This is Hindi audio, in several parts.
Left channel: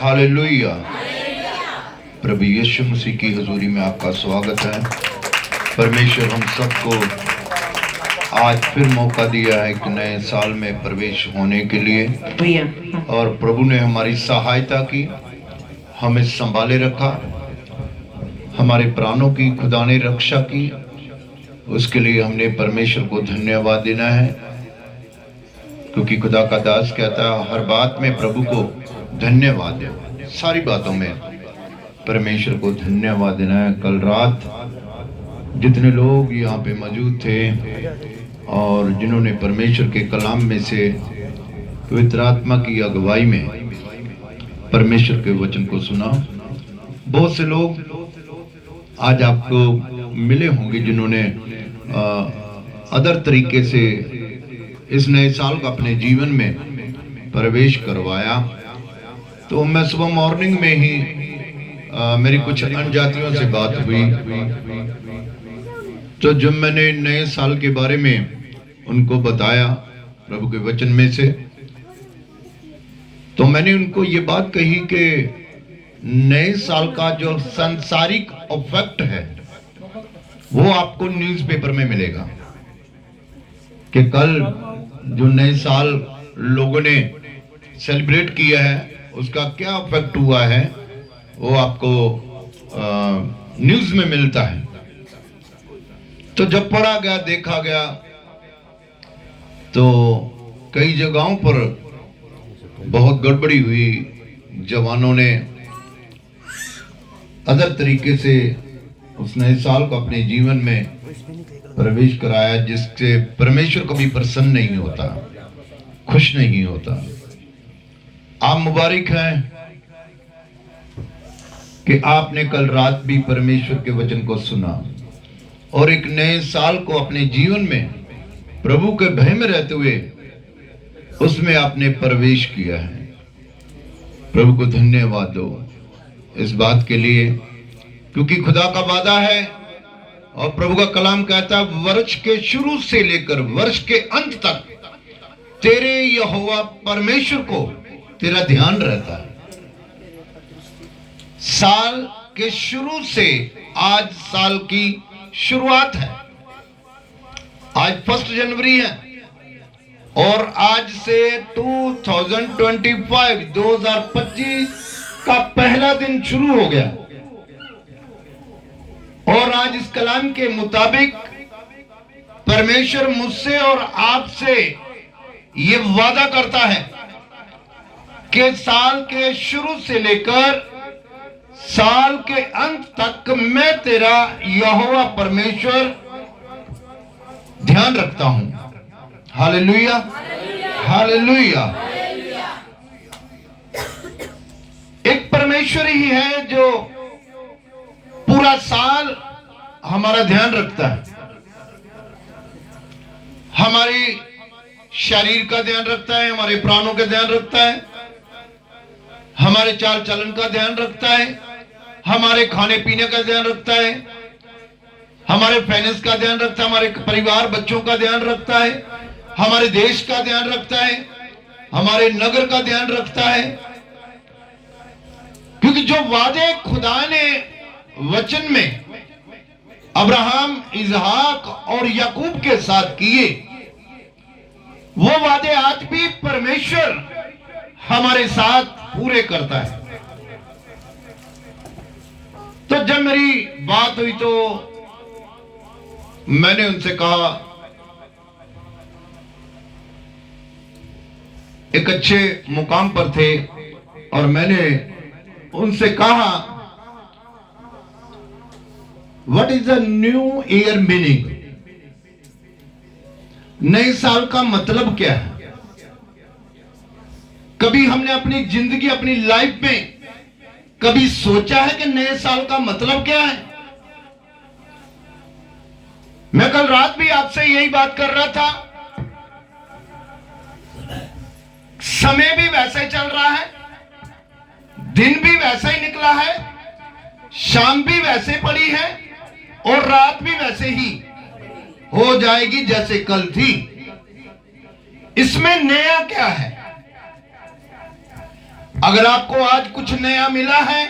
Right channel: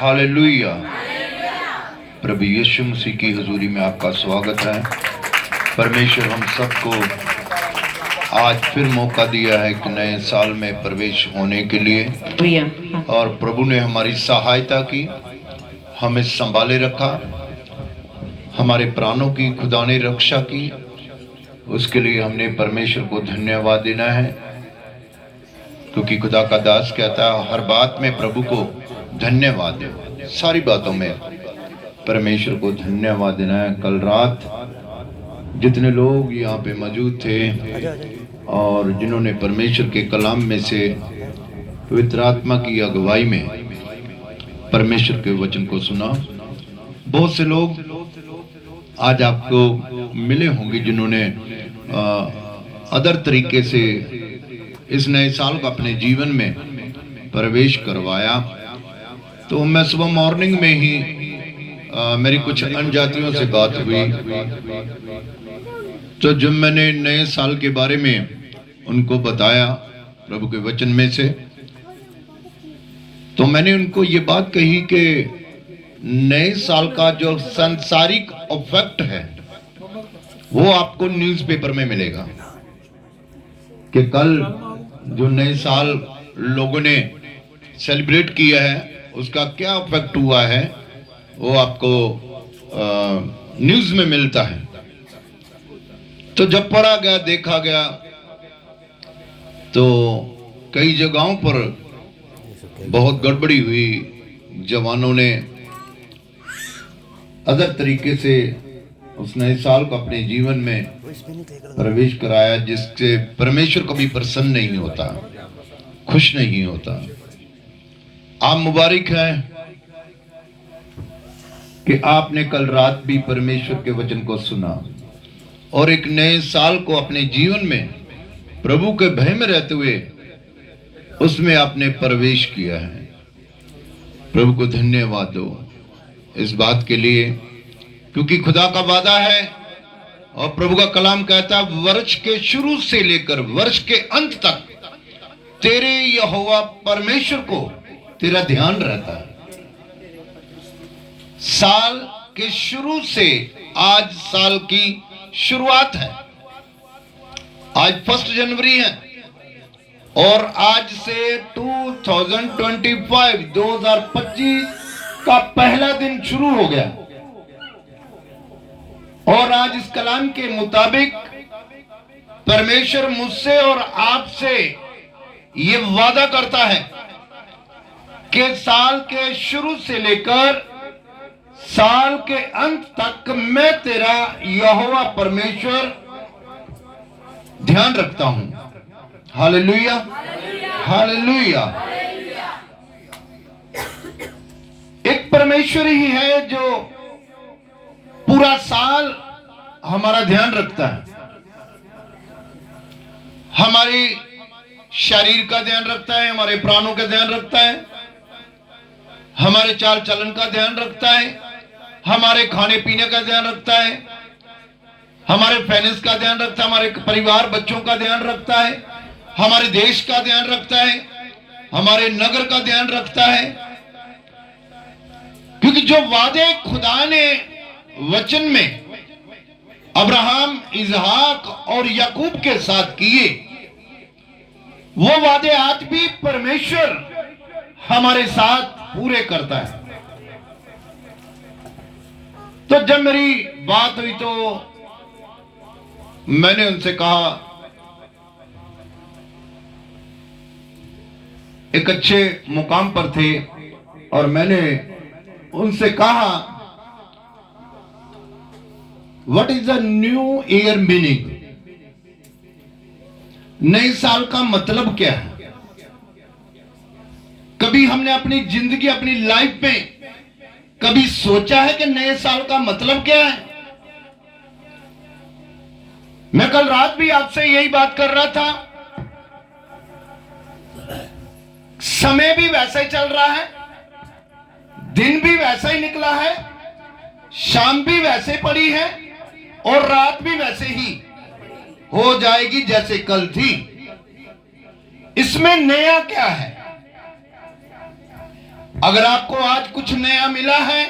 हालेलुया। प्रभु यीशु मसीह की हजूरी में आपका स्वागत है। परमेश्वर हम सबको आज फिर मौका दिया है कि नए साल में प्रवेश होने के लिए, और प्रभु ने हमारी सहायता की, हमें संभाले रखा, हमारे प्राणों की खुदा ने रक्षा की। उसके लिए हमने परमेश्वर को धन्यवाद देना है, क्योंकि खुदा का दास कहता है हर बात में प्रभु को धन्यवाद दे। सारी बातों में परमेश्वर को धन्यवाद देना है। कल रात जितने लोग यहाँ पे मौजूद थे और जिन्होंने परमेश्वर के कलाम में से पवित्र आत्मा की अगुवाई में परमेश्वर के वचन को सुना, बहुत से लोग आज आपको मिले होंगे जिन्होंने अदर तरीके से इस नए साल को अपने जीवन में प्रवेश करवाया। तो मैं सुबह मॉर्निंग में ही मेरी कुछ अनजातियों से बात हुई, तो जब मैंने नए साल के बारे में उनको बताया प्रभु के वचन में से, तो मैंने उनको ये बात कही कि नए साल का जो सांसारिक इफेक्ट है वो आपको न्यूज़पेपर में मिलेगा कि कल जो नए साल लोगों ने सेलिब्रेट किया है उसका क्या इफेक्ट हुआ है, वो आपको न्यूज़ में मिलता है। तो जब पढ़ा गया, देखा गया, तो कई जगहों पर बहुत गड़बड़ी हुई। जवानों ने अदर तरीके से उस नए साल को अपने जीवन में प्रवेश कराया, जिससे परमेश्वर कभी प्रसन्न नहीं होता, खुश नहीं होता। आप मुबारक हैं कि आपने कल रात भी परमेश्वर के वचन को सुना और एक नए साल को अपने जीवन में प्रभु के भय में रहते हुए उसमें आपने प्रवेश किया है। प्रभु को धन्यवाद दो इस बात के लिए, क्योंकि खुदा का वादा है और प्रभु का कलाम कहता है वर्ष के शुरू से लेकर वर्ष के अंत तक तेरे यहोवा परमेश्वर को तेरा ध्यान रहता है। साल के शुरू से आज साल की शुरुआत है। आज 1 जनवरी है और आज से 2025 का पहला दिन शुरू हो गया। और आज इस कलाम के मुताबिक परमेश्वर मुझसे और आपसे ये वादा करता है कि साल के शुरू से लेकर साल के अंत तक मैं तेरा यहोवा परमेश्वर ध्यान रखता हूं। Hallelujah, hallelujah. एक परमेश्वर ही है जो पूरा साल हमारा ध्यान रखता है, हमारी शरीर का ध्यान रखता है, हमारे प्राणों का ध्यान रखता है, हमारे चाल चलन का ध्यान रखता है, हमारे खाने पीने का ध्यान रखता है, हमारे फाइनेंस का ध्यान रखता है, हमारे परिवार बच्चों का ध्यान रखता है, हमारे देश का ध्यान रखता है, हमारे नगर का ध्यान रखता है। क्योंकि जो वादे खुदा ने वचन में अब्राहम, इजहाक और याकूब के साथ किए, वो वादे आज भी परमेश्वर हमारे साथ पूरे करता है। तो जब मेरी बात हुई तो मैंने उनसे कहा, एक अच्छे मुकाम पर थे, और मैंने उनसे कहा what is the new year meaning? नए साल का मतलब क्या है? कभी हमने अपनी जिंदगी, अपनी लाइफ में कभी सोचा है कि नए साल का मतलब क्या है? मैं कल रात भी आपसे यही बात कर रहा था। समय भी वैसा ही चल रहा है, दिन भी वैसा ही निकला है, शाम भी वैसे पड़ी है और रात भी वैसे ही हो जाएगी जैसे कल थी। इसमें नया क्या है? अगर आपको आज कुछ नया मिला है,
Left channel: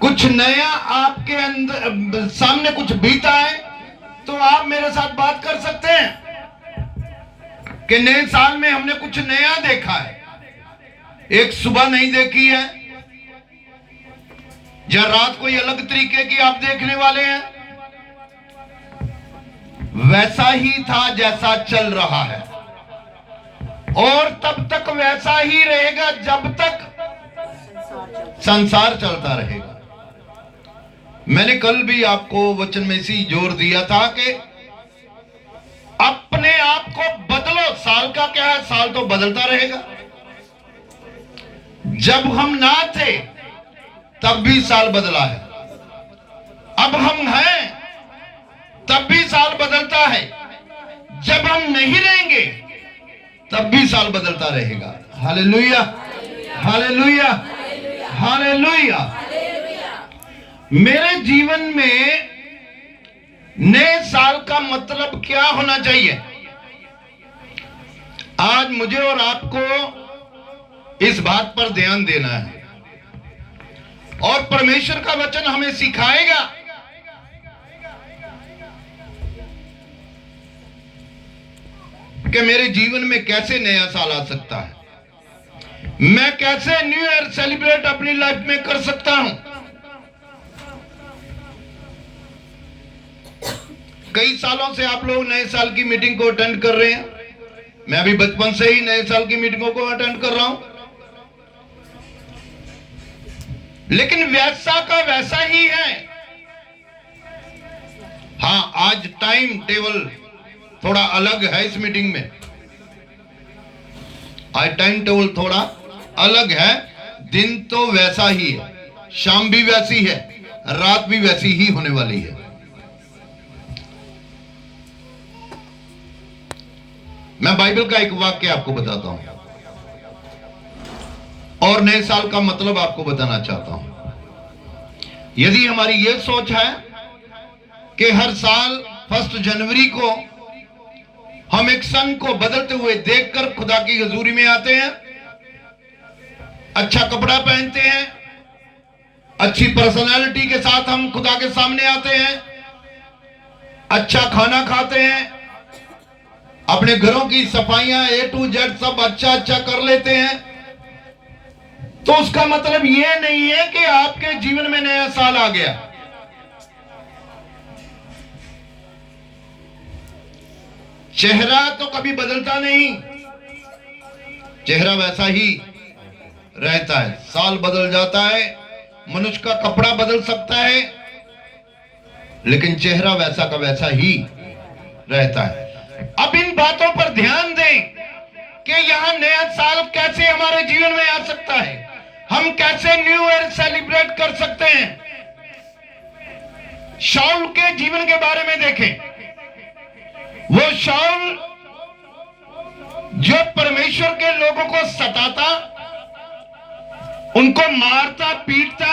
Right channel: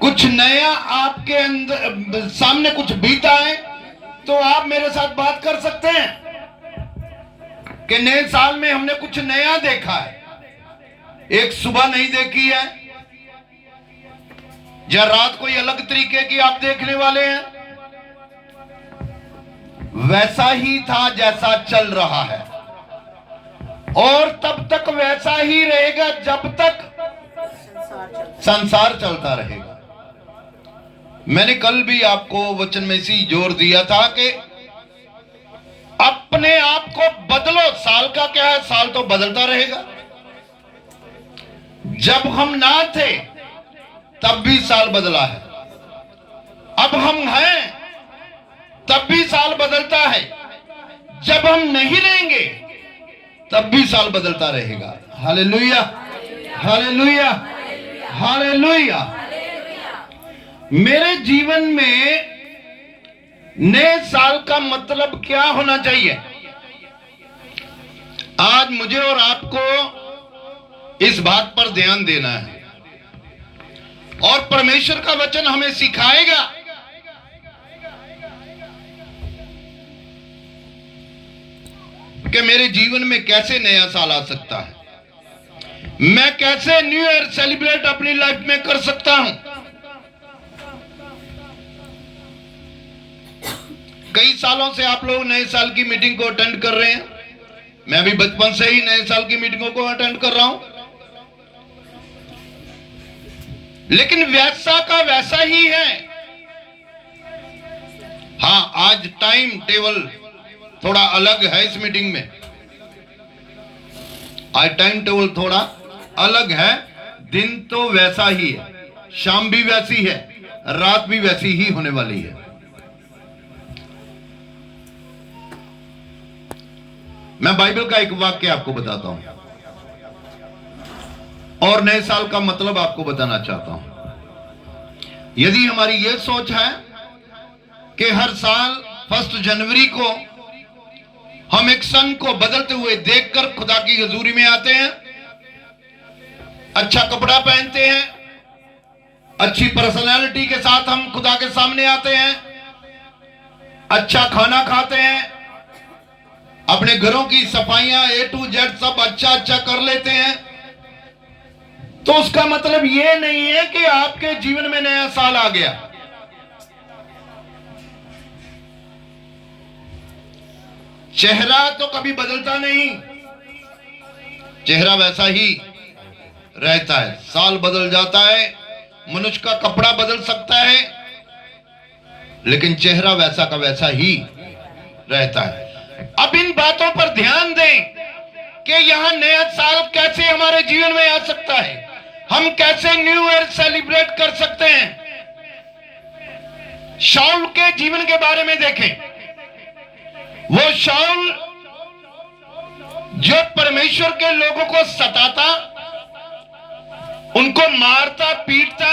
कुछ नया आपके अंदर सामने कुछ बीता है, तो आप मेरे साथ बात कर सकते हैं कि नए साल में हमने कुछ नया देखा है। एक सुबह नहीं देखी है, या रात कोई अलग तरीके की आप देखने वाले हैं। वैसा ही था जैसा चल रहा है, और तब तक वैसा ही रहेगा जब तक संसार चलता रहेगा। मैंने कल भी आपको वचन में इसी जोर दिया था कि अपने आप को बदलो। साल का क्या है, साल तो बदलता रहेगा। जब हम ना थे तब भी साल बदला है, अब हम हैं तब भी साल बदलता है, जब हम नहीं रहेंगे तब भी साल बदलता रहेगा। Hallelujah, hallelujah, hallelujah. मेरे जीवन में नए साल का मतलब क्या होना चाहिए? आज मुझे और आपको इस बात पर ध्यान देना है, और परमेश्वर का वचन हमें सिखाएगा कि मेरे जीवन में कैसे नया साल आ सकता है, मैं कैसे न्यू ईयर सेलिब्रेट अपनी लाइफ में कर सकता हूं। कई सालों से आप लोग नए साल की मीटिंग को अटेंड कर रहे हैं। मैं भी बचपन से ही नए साल की मीटिंगों को अटेंड कर रहा हूं, लेकिन वैसा का वैसा ही है। हाँ, आज टाइम टेबल थोड़ा अलग है इस मीटिंग में। आज टाइम टेबल थोड़ा अलग है। दिन तो वैसा ही है, शाम भी वैसी है, रात भी वैसी ही होने वाली है। मैं बाइबल का एक वाक्य आपको बताता हूं और नए साल का मतलब आपको बताना चाहता हूं। यदि हमारी यह सोच है कि हर साल 1 जनवरी को हम एक सन को बदलते हुए देखकर खुदा की हजूरी में आते हैं, अच्छा कपड़ा पहनते हैं, अच्छी पर्सनालिटी के साथ हम खुदा के सामने आते हैं, अच्छा खाना खाते हैं, अपने घरों की सफाइयां A to Z सब अच्छा अच्छा कर लेते हैं, तो उसका मतलब यह नहीं है कि आपके जीवन में नया साल आ गया। चेहरा तो कभी बदलता नहीं, चेहरा वैसा ही रहता है। साल बदल जाता है, मनुष्य का कपड़ा बदल सकता है, लेकिन चेहरा वैसा का वैसा ही रहता है। अब इन बातों पर ध्यान दें कि यहां नया साल कैसे हमारे जीवन में आ सकता है, हम कैसे न्यू ईयर सेलिब्रेट कर सकते हैं। शाऊल के जीवन के बारे में देखें। वो शाऊल जो परमेश्वर के लोगों को सताता, उनको मारता पीटता,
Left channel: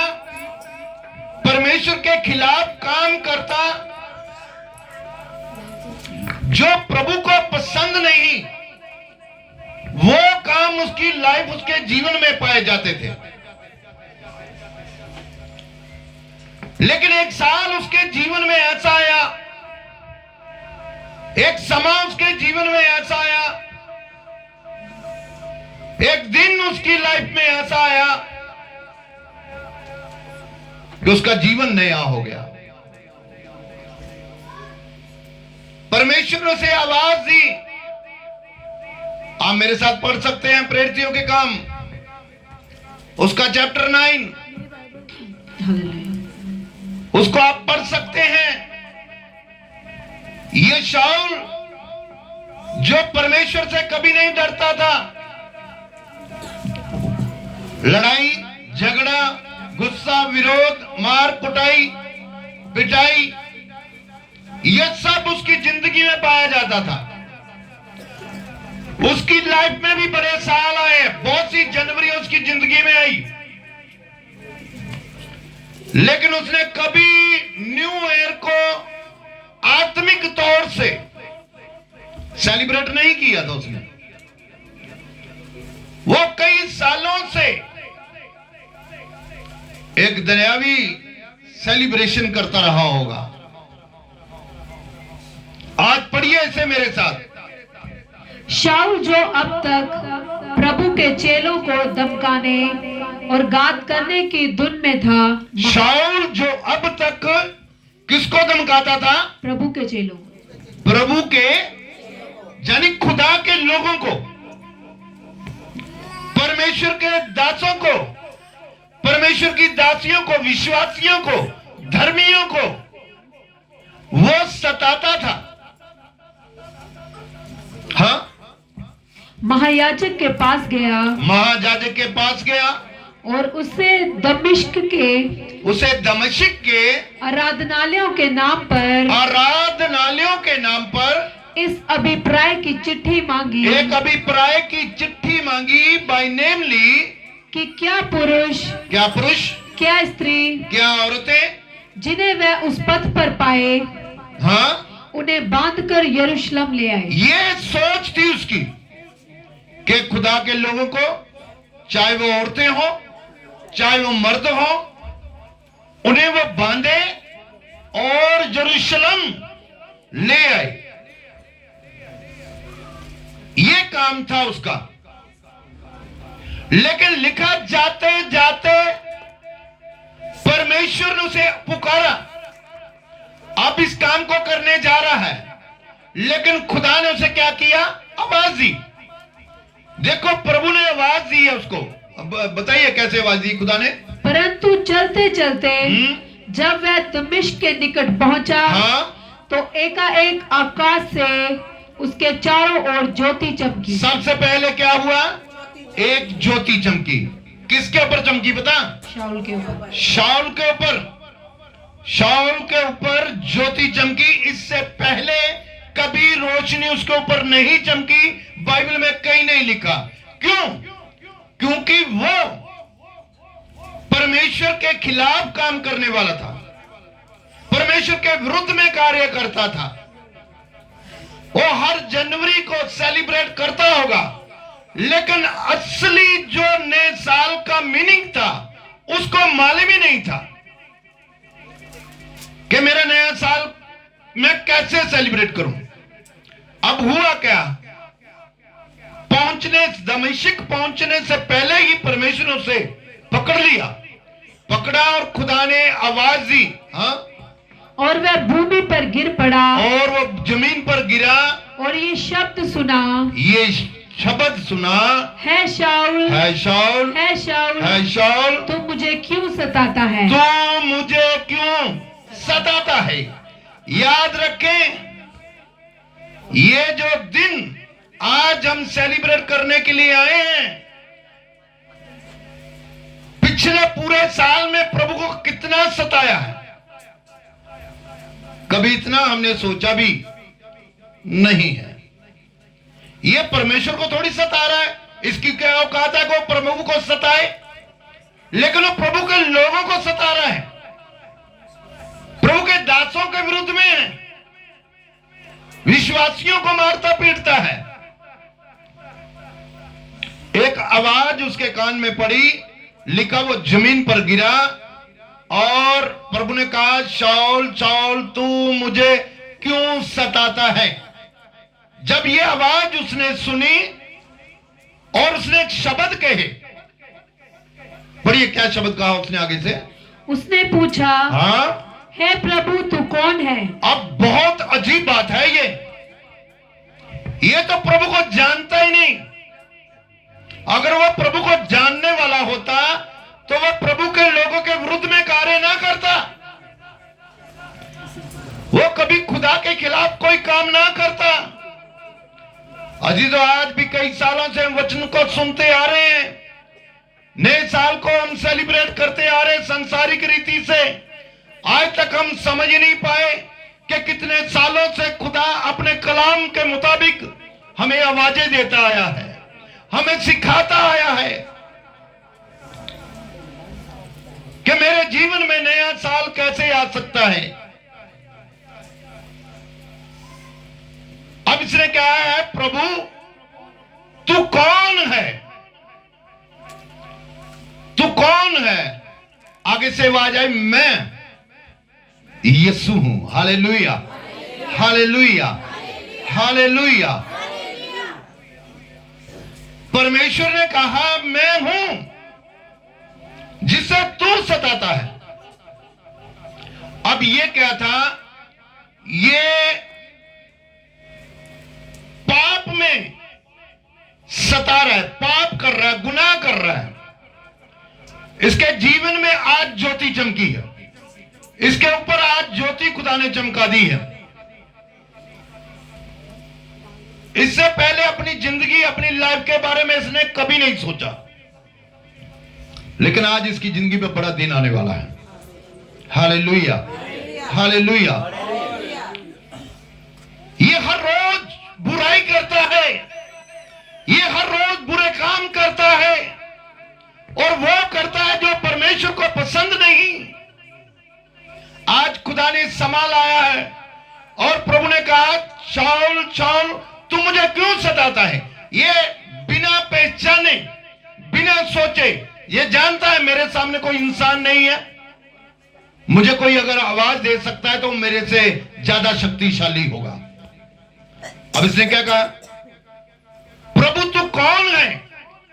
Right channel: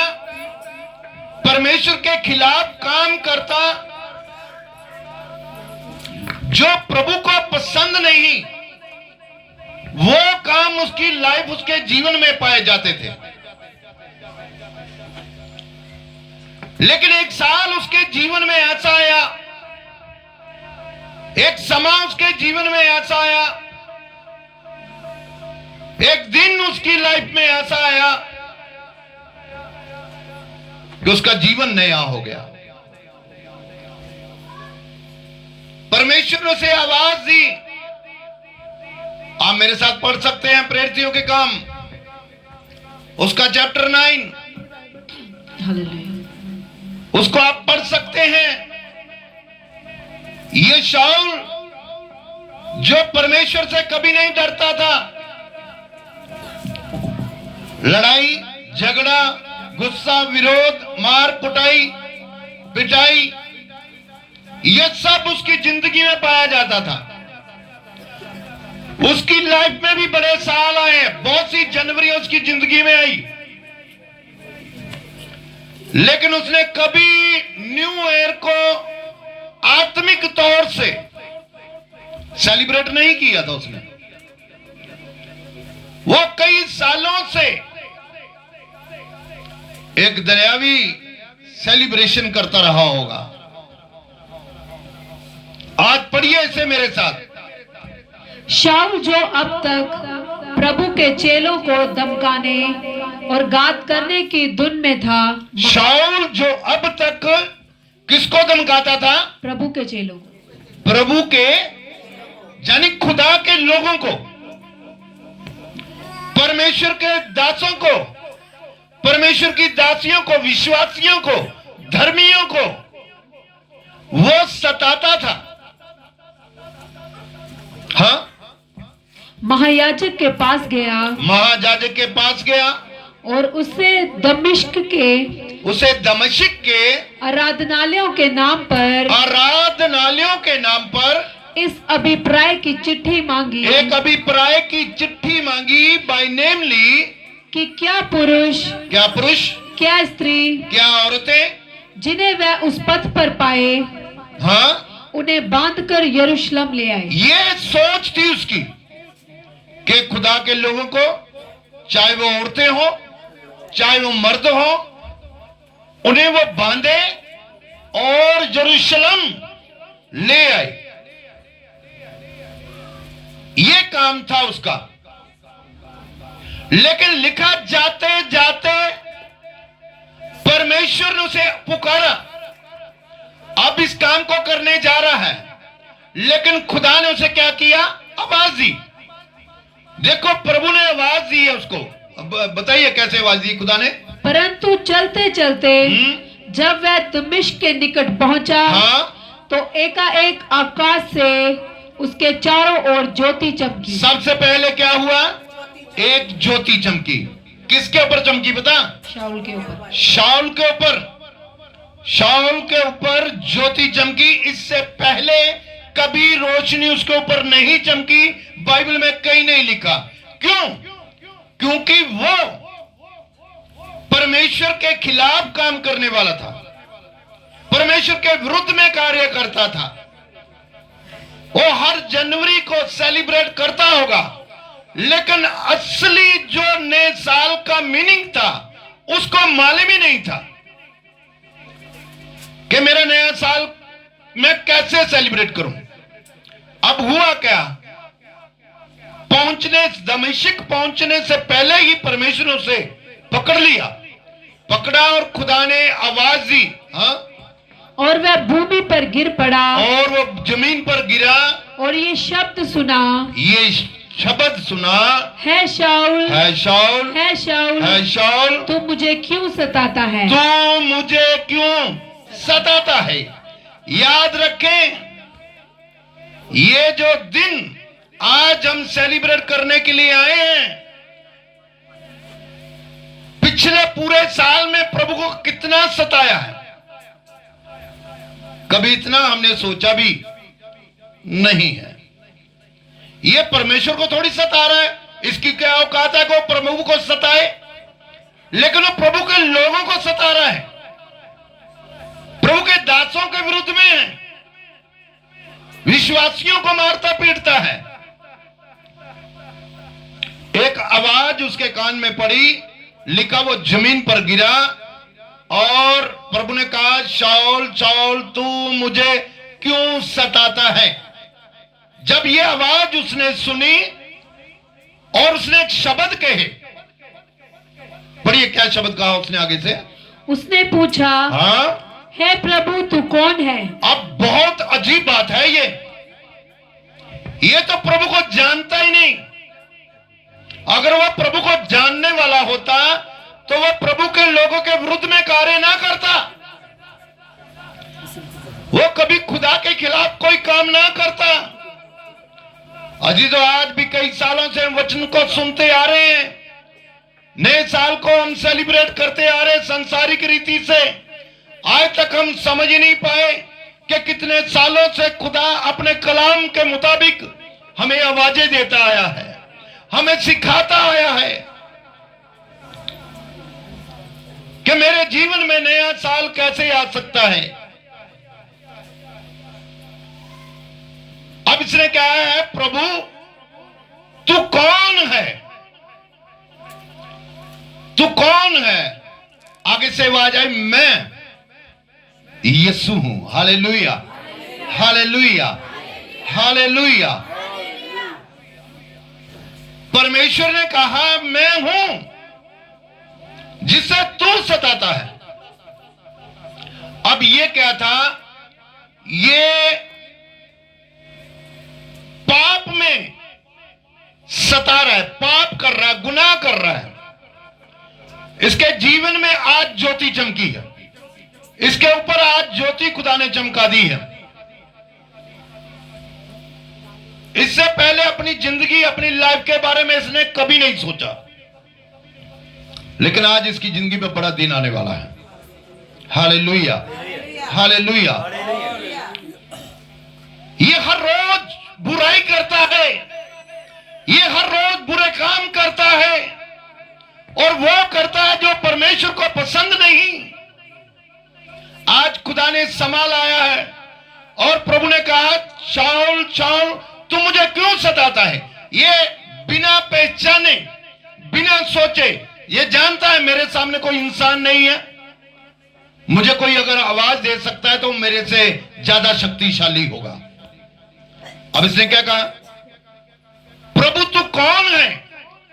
परमेश्वर के खिलाफ काम करता, जो प्रभु को पसंद नहीं, वो काम उसकी लाइफ उसके जीवन में पाए जाते थे। लेकिन एक साल उसके जीवन में ऐसा आया, एक समय उसके जीवन में ऐसा आया, एक दिन उसकी लाइफ में ऐसा आया कि उसका जीवन नया हो गया। परमेश्वर ने उसे आवाज दी। आप मेरे साथ पढ़ सकते हैं प्रेरितों के काम, उसका चैप्टर 9, उसको आप पढ़ सकते हैं। ये शाऊल जो परमेश्वर से कभी नहीं डरता था, लड़ाई झगड़ा, गुस्सा, विरोध, मार कुटाई, पिटाई, यह सब उसकी जिंदगी में पाया जाता था। उसकी लाइफ में भी बड़े साल आए, बहुत सी जनवरी उसकी जिंदगी में आई, लेकिन उसने कभी न्यू ईयर को आत्मिक तौर से सेलिब्रेट नहीं किया था। उसने वो कई सालों से एक दुनियावी सेलिब्रेशन करता रहा होगा। आज पढ़िए इसे मेरे साथ। शाऊल जो अब तक प्रभु के चेलों को धमकाने और घात करने की धुन में था। शाऊल जो अब तक किसको धमकाता था? प्रभु के चेलों, प्रभु के यानी खुदा के लोगों को, परमेश्वर के दासों को, परमेश्वर की दासियों को, विश्वासियों को, धर्मियों को वो सताता था। हाँ, महायाजक के पास गया, महायाजक के पास गया और उसे दमिश्क के आराधनालयों के नाम पर इस अभिप्राय की चिट्ठी मांगी, एक अभिप्राय की चिट्ठी मांगी, बाय नेम ली, कि क्या पुरुष, क्या स्त्री, क्या औरतें जिन्हें वह उस पथ पर पाए, हाँ, उन्हें बांधकर यरूशलेम ले आए। ये सोच थी उसकी कि खुदा के लोगों को, चाहे वो औरतें हो, चाहे वो मर्द हो, उन्हें वो बांधे और यरूशलेम ले आए। ये काम था उसका। लेकिन लिखा जाते जाते परमेश्वर ने उसे पुकारा, अब इस काम को करने जा रहा है। लेकिन खुदा ने उसे क्या किया? आवाज दी। देखो, प्रभु ने आवाज दी है उसको। अब बताइए कैसे आवाज दी खुदा ने? परंतु चलते चलते जब वह दमिश्क के निकट पहुंचा, हाँ, तो एकाएक आकाश से उसके चारों ओर ज्योति चमकी। सबसे पहले क्या हुआ? एक ज्योति चमकी। किसके ऊपर चमकी पता? शाऊल के ऊपर। शाऊल के ऊपर, शाऊल के ऊपर ज्योति चमकी। इससे पहले कभी रोशनी उसके ऊपर नहीं चमकी, बाइबल में कहीं नहीं लिखा। क्यों? क्योंकि वो परमेश्वर के खिलाफ काम करने वाला था, परमेश्वर के विरुद्ध में कार्य करता था। वो हर जनवरी को सेलिब्रेट करता होगा, लेकिन असली जो नए साल का मीनिंग था उसको मालूम ही नहीं था कि मेरा नया साल मैं कैसे सेलिब्रेट करूं। अब हुआ क्या? दमिश्क पहुंचने से पहले ही परमेश्वर ने उसे पकड़ लिया, पकड़ा और खुदा ने आवाज दी, हाँ, और वह भूमि पर गिर पड़ा, और वो जमीन पर गिरा, और ये शब्द सुना, है शाऊल, है शाऊल, है शाऊल, है शाऊल, तू मुझे क्यों सताता है? तू मुझे क्यों सताता है? याद रखें, ये जो दिन आज हम सेलिब्रेट करने के लिए आए हैं, पिछले पूरे साल में प्रभु को कितना सताया है, कभी इतना हमने सोचा भी नहीं है। ये परमेश्वर को थोड़ी सता रहा है, इसकी क्या औकात है कि वो प्रभु को सताए? लेकिन वो प्रभु के लोगों को सता रहा है, प्रभु के दासों के विरुद्ध में है, विश्वासियों को मारता पीटता है। एक आवाज उसके कान में पड़ी, लिखा वो जमीन पर गिरा, और प्रभु ने कहा, शाऊल शाऊल तू मुझे क्यों सताता है? जब ये आवाज उसने सुनी और उसने एक शब्द कहे, पढ़िए क्या शब्द कहा उसने आगे से? उसने पूछा, हाँ, हे प्रभु तू कौन है? अब बहुत अजीब बात है ये तो प्रभु को जानता ही नहीं। अगर वो प्रभु को जानने वाला होता तो वो प्रभु के लोगों के विरुद्ध में कार्य ना करता, वो कभी खुदा के खिलाफ कोई काम ना करता। अजी तो आज भी कई सालों से हम वचन को सुनते आ रहे हैं, नए साल को हम सेलिब्रेट करते आ रहे हैं संसारिक रीति से। आज तक हम समझ ही नहीं पाए कि कितने सालों से खुदा अपने कलाम के मुताबिक हमें आवाजें देता आया है, हमें सिखाता आया है कि मेरे जीवन में नया साल कैसे आ सकता है। अब इसने कहा है, प्रभु तू कौन है? तू कौन है? आगे से आवाज आई, मैं यीशु हूं। Hallelujah, hallelujah, hallelujah. परमेश्वर ने कहा मैं हूं जिसे तू सताता है। अब ये क्या था? ये पाप में सता रहा है, पाप कर रहा है, गुनाह कर रहा है। इसके जीवन में आज ज्योति चमकी है, इसके ऊपर आज ज्योति खुदा ने चमका दी है। इससे पहले अपनी जिंदगी, अपनी लाइफ के बारे में इसने कभी नहीं सोचा, लेकिन आज इसकी जिंदगी में बड़ा दिन आने वाला है। Hallelujah, hallelujah. ये हर रोज बुराई करता है, ये हर रोज बुरे काम करता है, और वो करता है जो परमेश्वर को पसंद नहीं। आज खुदा ने संभाल आया है और प्रभु ने कहा, शाऊल शाऊल तू मुझे क्यों सताता है? ये बिना पहचाने, बिना सोचे, ये जानता है मेरे सामने कोई इंसान नहीं है, मुझे कोई अगर आवाज दे सकता है तो मेरे से ज्यादा शक्तिशाली होगा। अब इसने क्या कहा? प्रभु तू कौन है?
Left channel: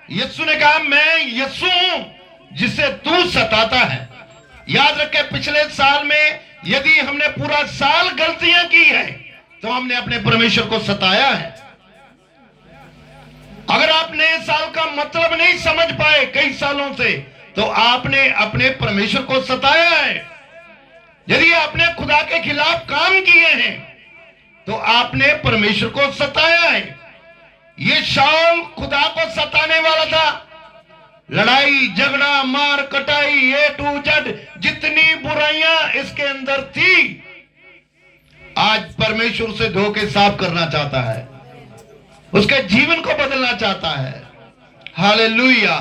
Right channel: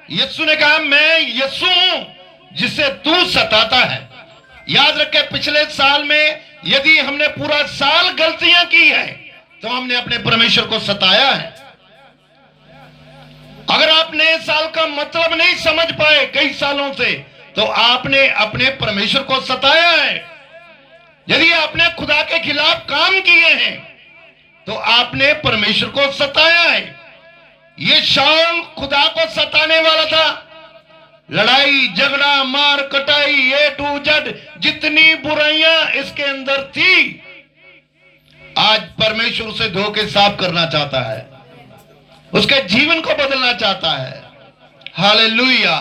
यीशु ने कहा मैं यीशु हूं जिसे तू सताता है। याद रखे, पिछले साल में यदि हमने पूरा साल गलतियां की है तो हमने अपने परमेश्वर को सताया है। अगर आप नए साल का मतलब नहीं समझ पाए कई सालों से, तो आपने अपने परमेश्वर को सताया है। यदि आपने खुदा के खिलाफ काम किए हैं तो आपने परमेश्वर को सताया है। ये शाऊल खुदा को सताने वाला था। लड़ाई झगड़ा मार कटाई A to Z जितनी बुराइयां इसके अंदर थी, आज परमेश्वर से धो के साफ करना चाहता है, उसके जीवन को बदलना चाहता है। Hallelujah,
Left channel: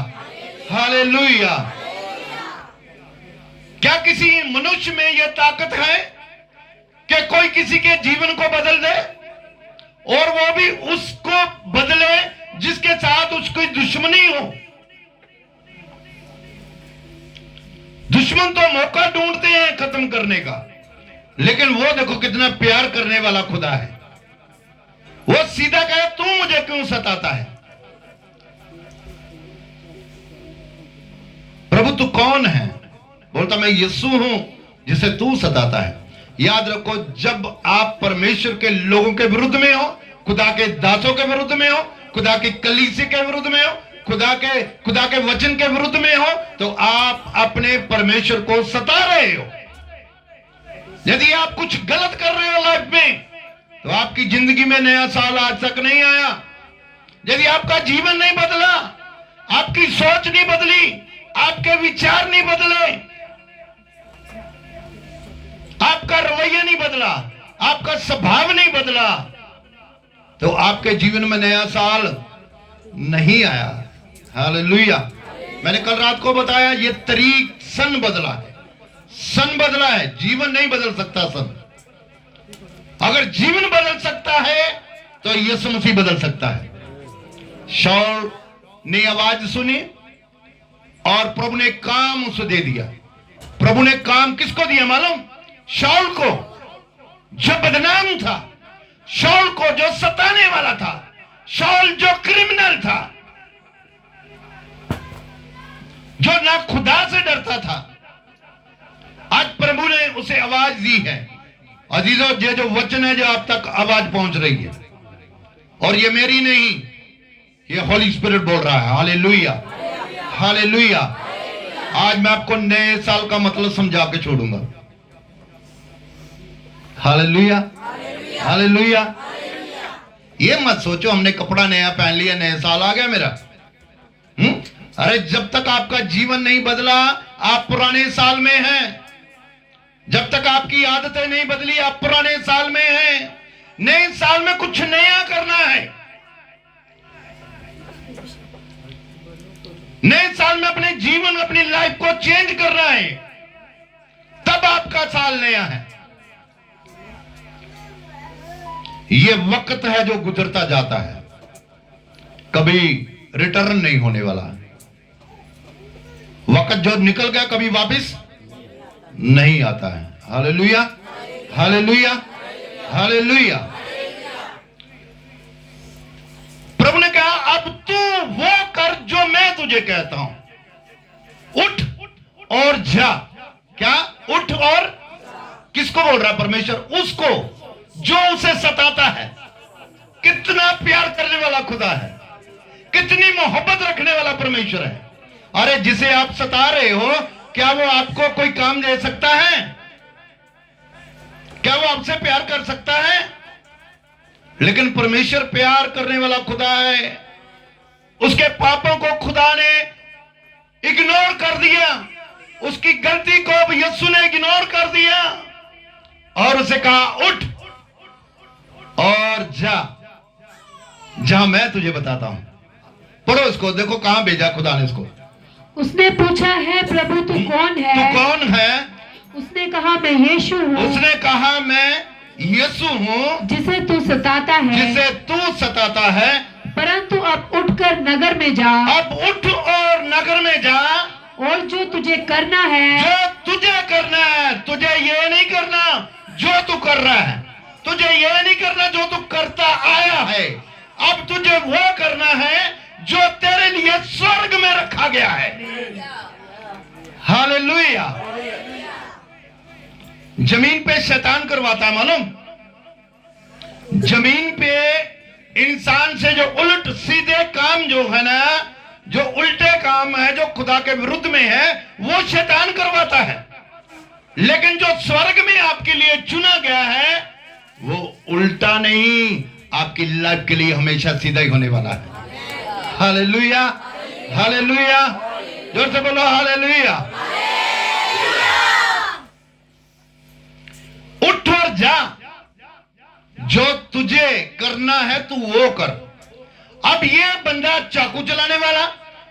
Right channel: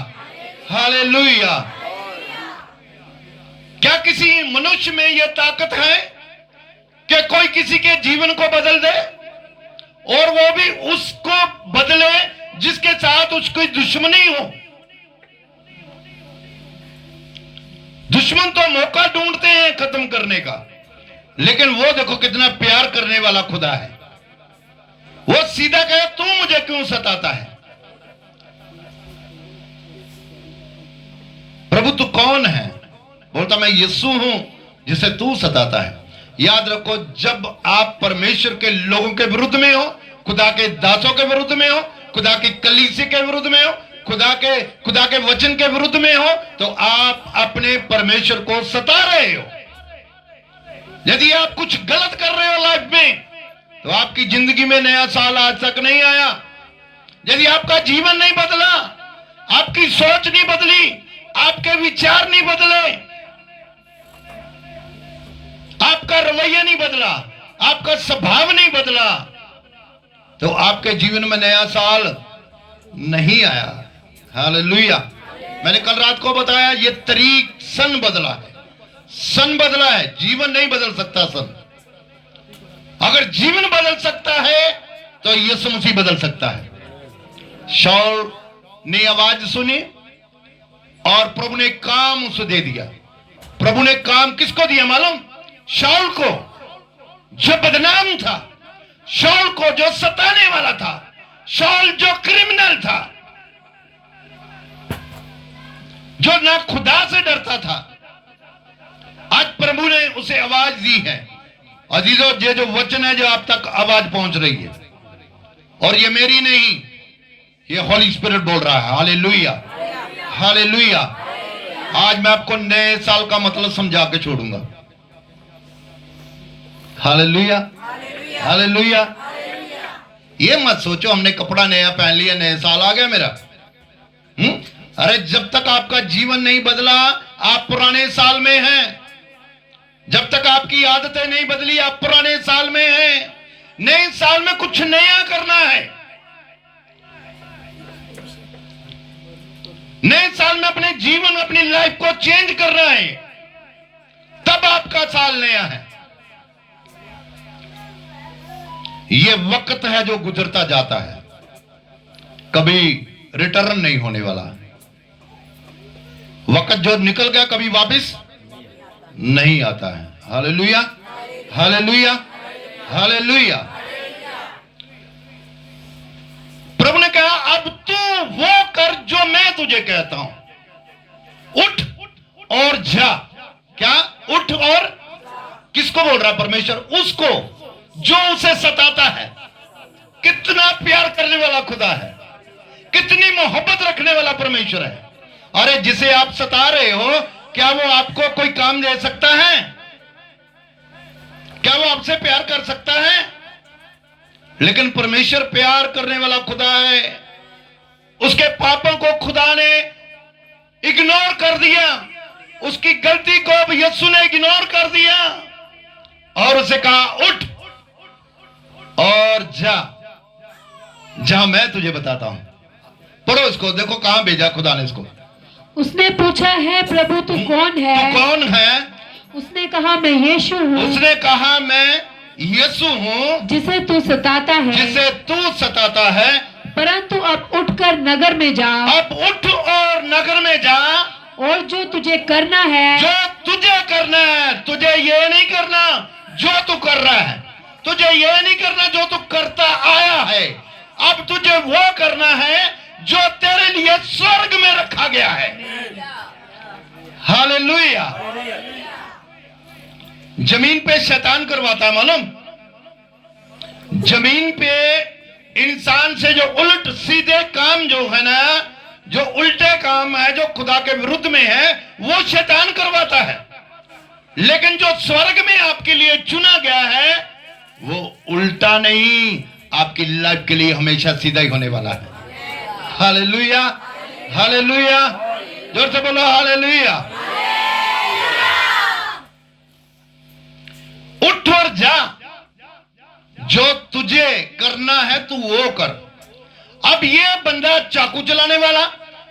hallelujah. क्या किसी मनुष्य में यह ताकत है कि कोई किसी के जीवन को बदल दे, और वो भी उसको बदले जिसके साथ उसकी दुश्मनी हो? दुश्मन तो मौका ढूंढते हैं खत्म करने का, लेकिन वो देखो कितना प्यार करने वाला खुदा है। वो सीधा कहे तू मुझे क्यों सताता है? प्रभु तू कौन है? बोलता मैं यीशु हूं जिसे तू सताता है। याद रखो, जब आप परमेश्वर के लोगों के विरुद्ध में हो, खुदा के दासों के विरुद्ध में हो, खुदा की कलीसिया के विरुद्ध में हो, खुदा के वचन के विरुद्ध में हो, तो आप अपने परमेश्वर को सता रहे हो। यदि आप कुछ गलत कर रहे हो लाइफ में, तो आपकी जिंदगी में नया साल आज तक नहीं आया। यदि आपका जीवन नहीं बदला, आपकी सोच नहीं बदली, आपके विचार नहीं बदले, आपका रवैया नहीं बदला, आपका स्वभाव नहीं बदला, तो आपके जीवन में नया साल नहीं आया। हालेलुया। मैंने कल रात को बताया, ये तारीख सन बदला है, सन बदला है, जीवन नहीं बदल सकता सन। अगर जीवन बदल सकता है तो यीशु मसीह बदल सकता है। शाऊल ने आवाज सुनी और प्रभु ने काम उसे दे दिया। प्रभु ने काम किसको दिया मालूम? शाऊल को, जो बदनाम था, शाऊल को जो सताने वाला था, शाऊल जो क्रिमिनल था, जो ना खुदा से डरता था, आज प्रभु ने उसे आवाज दी है। अजीजों, ये जो वचन है जो आप तक आवाज पहुंच रही है, और ये मेरी नहीं, ये होली स्पिरिट बोल रहा है। Hallelujah, hallelujah. आज मैं आपको नए साल का मतलब समझा के छोड़ूंगा। Hallelujah, hallelujah. ये मत सोचो हमने कपड़ा नया पहन लिया, नया साल आ गया मेरा। अरे जब तक आपका जीवन नहीं बदला, आप पुराने साल में हैं। जब तक आपकी आदतें नहीं बदली, आप पुराने साल में हैं। नए साल में कुछ नया करना है। नए साल में अपने जीवन, अपनी लाइफ को चेंज करना है, तब आपका साल नया है। ये वक्त है जो गुजरता जाता है, कभी रिटर्न नहीं होने वाला। वक्त जो निकल गया कभी वापस नहीं आता है। Hallelujah, hallelujah, hallelujah. प्रभु ने कहा अब तू वो कर जो मैं तुझे कहता हूं, उठ और जा। क्या उठ और किसको बोल रहा परमेश्वर? उसको जो उसे सताता है। कितना प्यार करने वाला खुदा है, कितनी मोहब्बत रखने वाला परमेश्वर है। अरे जिसे आप सता रहे हो, क्या वो आपको कोई काम दे सकता है? क्या वो आपसे प्यार कर सकता है? लेकिन परमेश्वर प्यार करने वाला खुदा है। उसके पापों को खुदा ने इग्नोर कर दिया, उसकी गलती को अब यीशु ने इग्नोर कर दिया और उसे कहा उठ और जा, जहां मैं तुझे बताता हूं। पढ़ो इसको, देखो कहां भेजा खुदा ने इसको। उसने पूछा है प्रभु तू कौन है? तू कौन है? उसने कहा मैं यीशु हूँ। उसने कहा मैं यीशु हूँ जिसे तू सताता है। जिसे तू सताता है। परंतु अब उठकर नगर में जा। अब उठ और नगर में जा, और जो तुझे करना है, जो तुझे करना है। तुझे ये नहीं करना जो तू कर रहा है, तुझे ये नहीं करना जो तू करता आया है। अब तुझे वो करना है जो तेरे लिए स्वर्ग में रखा गया है। हालेलुया। जमीन पे शैतान करवाता है मालूम? जमीन पे इंसान से जो उलट सीधे काम जो है ना, जो उल्टे काम है, जो खुदा के विरुद्ध में है, वो शैतान करवाता है। लेकिन जो स्वर्ग में आपके लिए चुना गया है, वो उल्टा नहीं, आपकी लाइफ के लिए हमेशा सीधा ही होने वाला है। Hallelujah, hallelujah. जोर से बोलो हालेलुया। उठ और जा, जो तुझे करना है तू वो कर। अब ये बंदा चाकू चलाने वाला,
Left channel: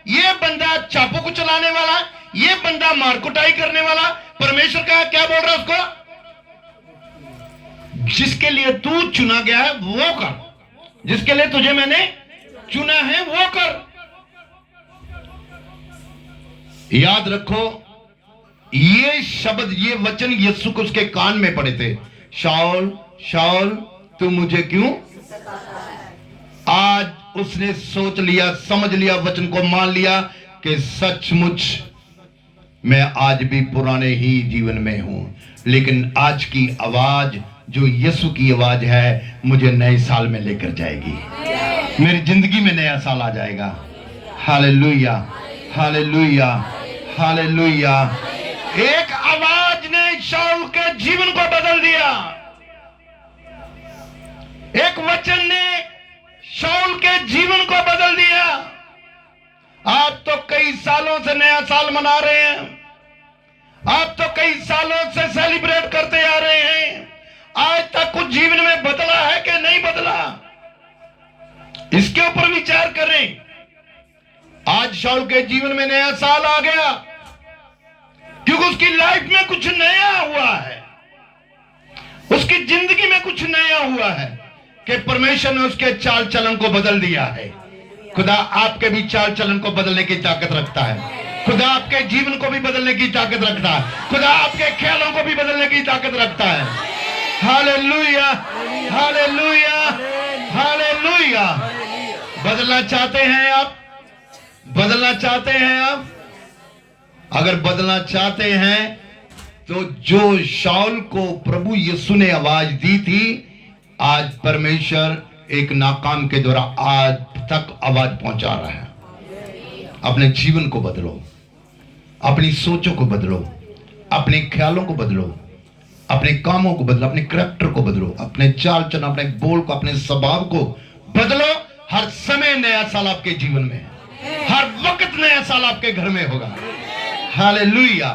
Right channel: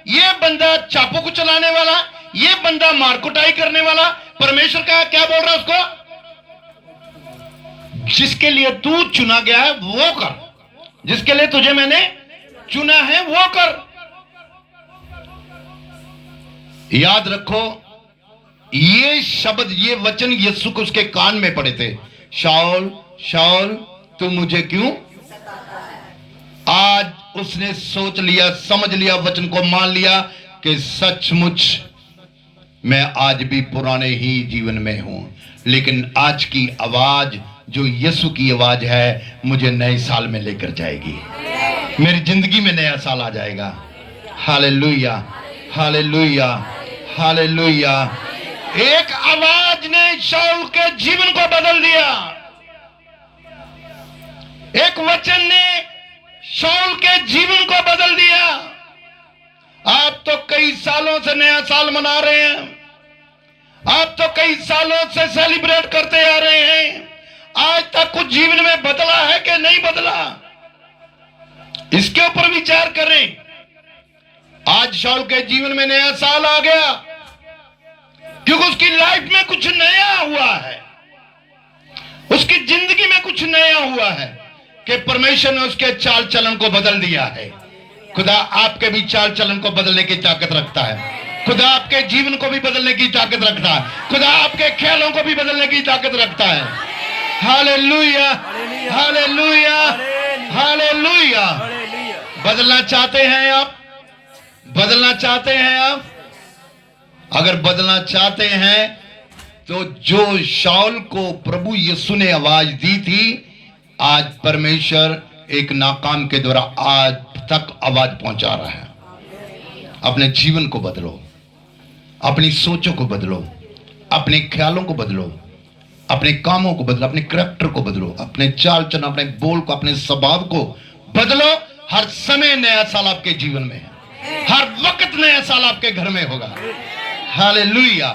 ये बंदा चाकू को चलाने वाला, ये बंदा मारकुटाई करने वाला, परमेश्वर का क्या बोल रहा है उसको? जिसके लिए तू चुना गया है वो कर, जिसके लिए तुझे मैंने चुना है वो कर। याद रखो, ये शब्द, ये वचन यीशु को उसके कान में पड़े थे। शाऊल शाऊल तू मुझे क्यों? आज उसने सोच लिया, समझ लिया, वचन को मान लिया कि सचमुच मैं आज भी पुराने ही जीवन में हूं, लेकिन आज की आवाज जो यीशु की आवाज है मुझे नए साल में लेकर जाएगी। मेरी जिंदगी में नया साल आ जाएगा। Hallelujah, hallelujah, hallelujah. एक आवाज ने शाऊल के जीवन को बदल दिया। एक वचन ने शाऊल के जीवन को बदल दिया। आप तो कई सालों से नया साल मना रहे हैं, आप तो कई सालों से सेलिब्रेट करते आ रहे हैं। आज तक कुछ जीवन में बदला है कि नहीं बदला? इसके ऊपर विचार करें। आज शाऊल के जीवन में नया साल आ गया क्योंकि उसकी लाइफ में कुछ नया हुआ है, उसकी जिंदगी में कुछ नया हुआ है कि परमेश्वर ने उसके चाल चलन को बदल दिया है। खुदा आपके भी चाल चलन को बदलने की ताकत रखता है। खुदा आपके जीवन को भी बदलने की ताकत रखता है। खुदा आपके ख्यालों को भी बदलने की ताकत रखता है। Hallelujah, hallelujah, hallelujah. बदलना चाहते हैं आप? बदलना चाहते हैं आप? अगर बदलना चाहते हैं तो जो शाऊल को प्रभु यीशु ने आवाज दी थी, आज परमेश्वर एक नाकाम के द्वारा आज तक आवाज पहुंचा रहा है। अपने जीवन को बदलो, अपनी सोचों को बदलो, अपने ख्यालों को बदलो, अपने कामों को बदलो, अपने करैक्टर को बदलो, अपने चाल चलन, अपने बोल को, अपने स्वभाव को बदलो। हर समय नया साल आपके जीवन में है, हर वक्त नया साल आपके घर में होगा। हालेलुया।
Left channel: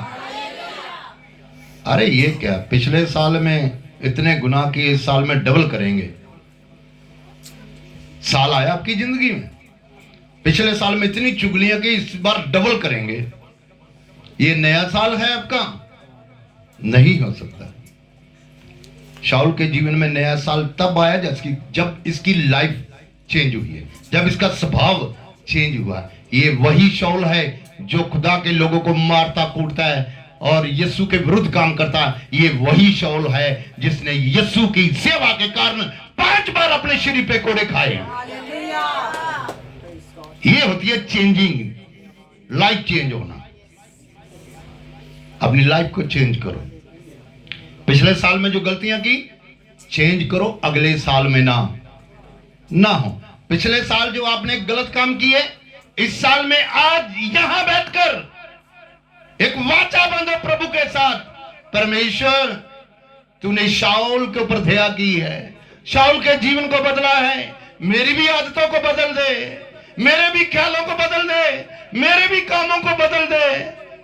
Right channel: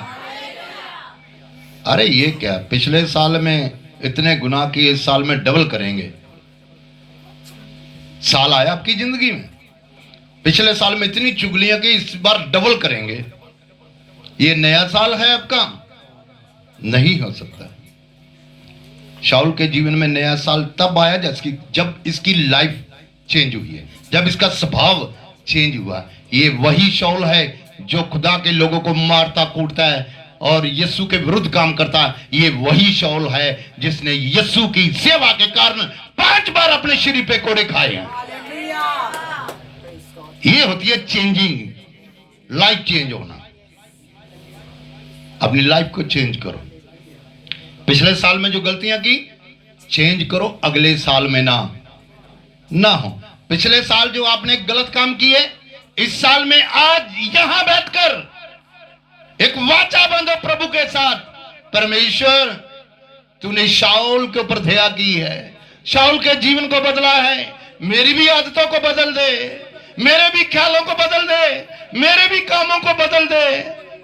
अरे ये क्या, पिछले साल में इतने गुनाह किए, इस साल में डबल करेंगे? साल आया आपकी जिंदगी में, पिछले साल में इतनी चुगलियां की, इस बार डबल करेंगे। ये नया साल है आपका? नहीं हो सकता। शाऊल के जीवन में नया साल तब आया जब इसकी लाइफ चेंज हुई है, जब इसका स्वभाव चेंज हुआ। ये वही शाऊल है जो खुदा के लोगों को मारता कूटता है और यीशु के विरुद्ध काम करता, ये वही शाऊल है जिसने यीशु की सेवा के कारण 5 बार अपने शरीर पे कोड़े खाए। ये होती है चेंजिंग, लाइफ चेंज होना। अपनी लाइफ को चेंज करो। पिछले साल में जो गलतियां की, चेंज करो, अगले साल में ना हो। पिछले साल जो आपने गलत काम किए, इस साल में आज यहां बैठकर एक वाचा बांधो प्रभु के साथ। परमेश्वर, तूने शाऊल के ऊपर दया की है, शाऊल के जीवन को बदला है, मेरी भी आदतों को बदल दे, मेरे भी ख्यालों को बदल दे, मेरे भी कामों को बदल दे,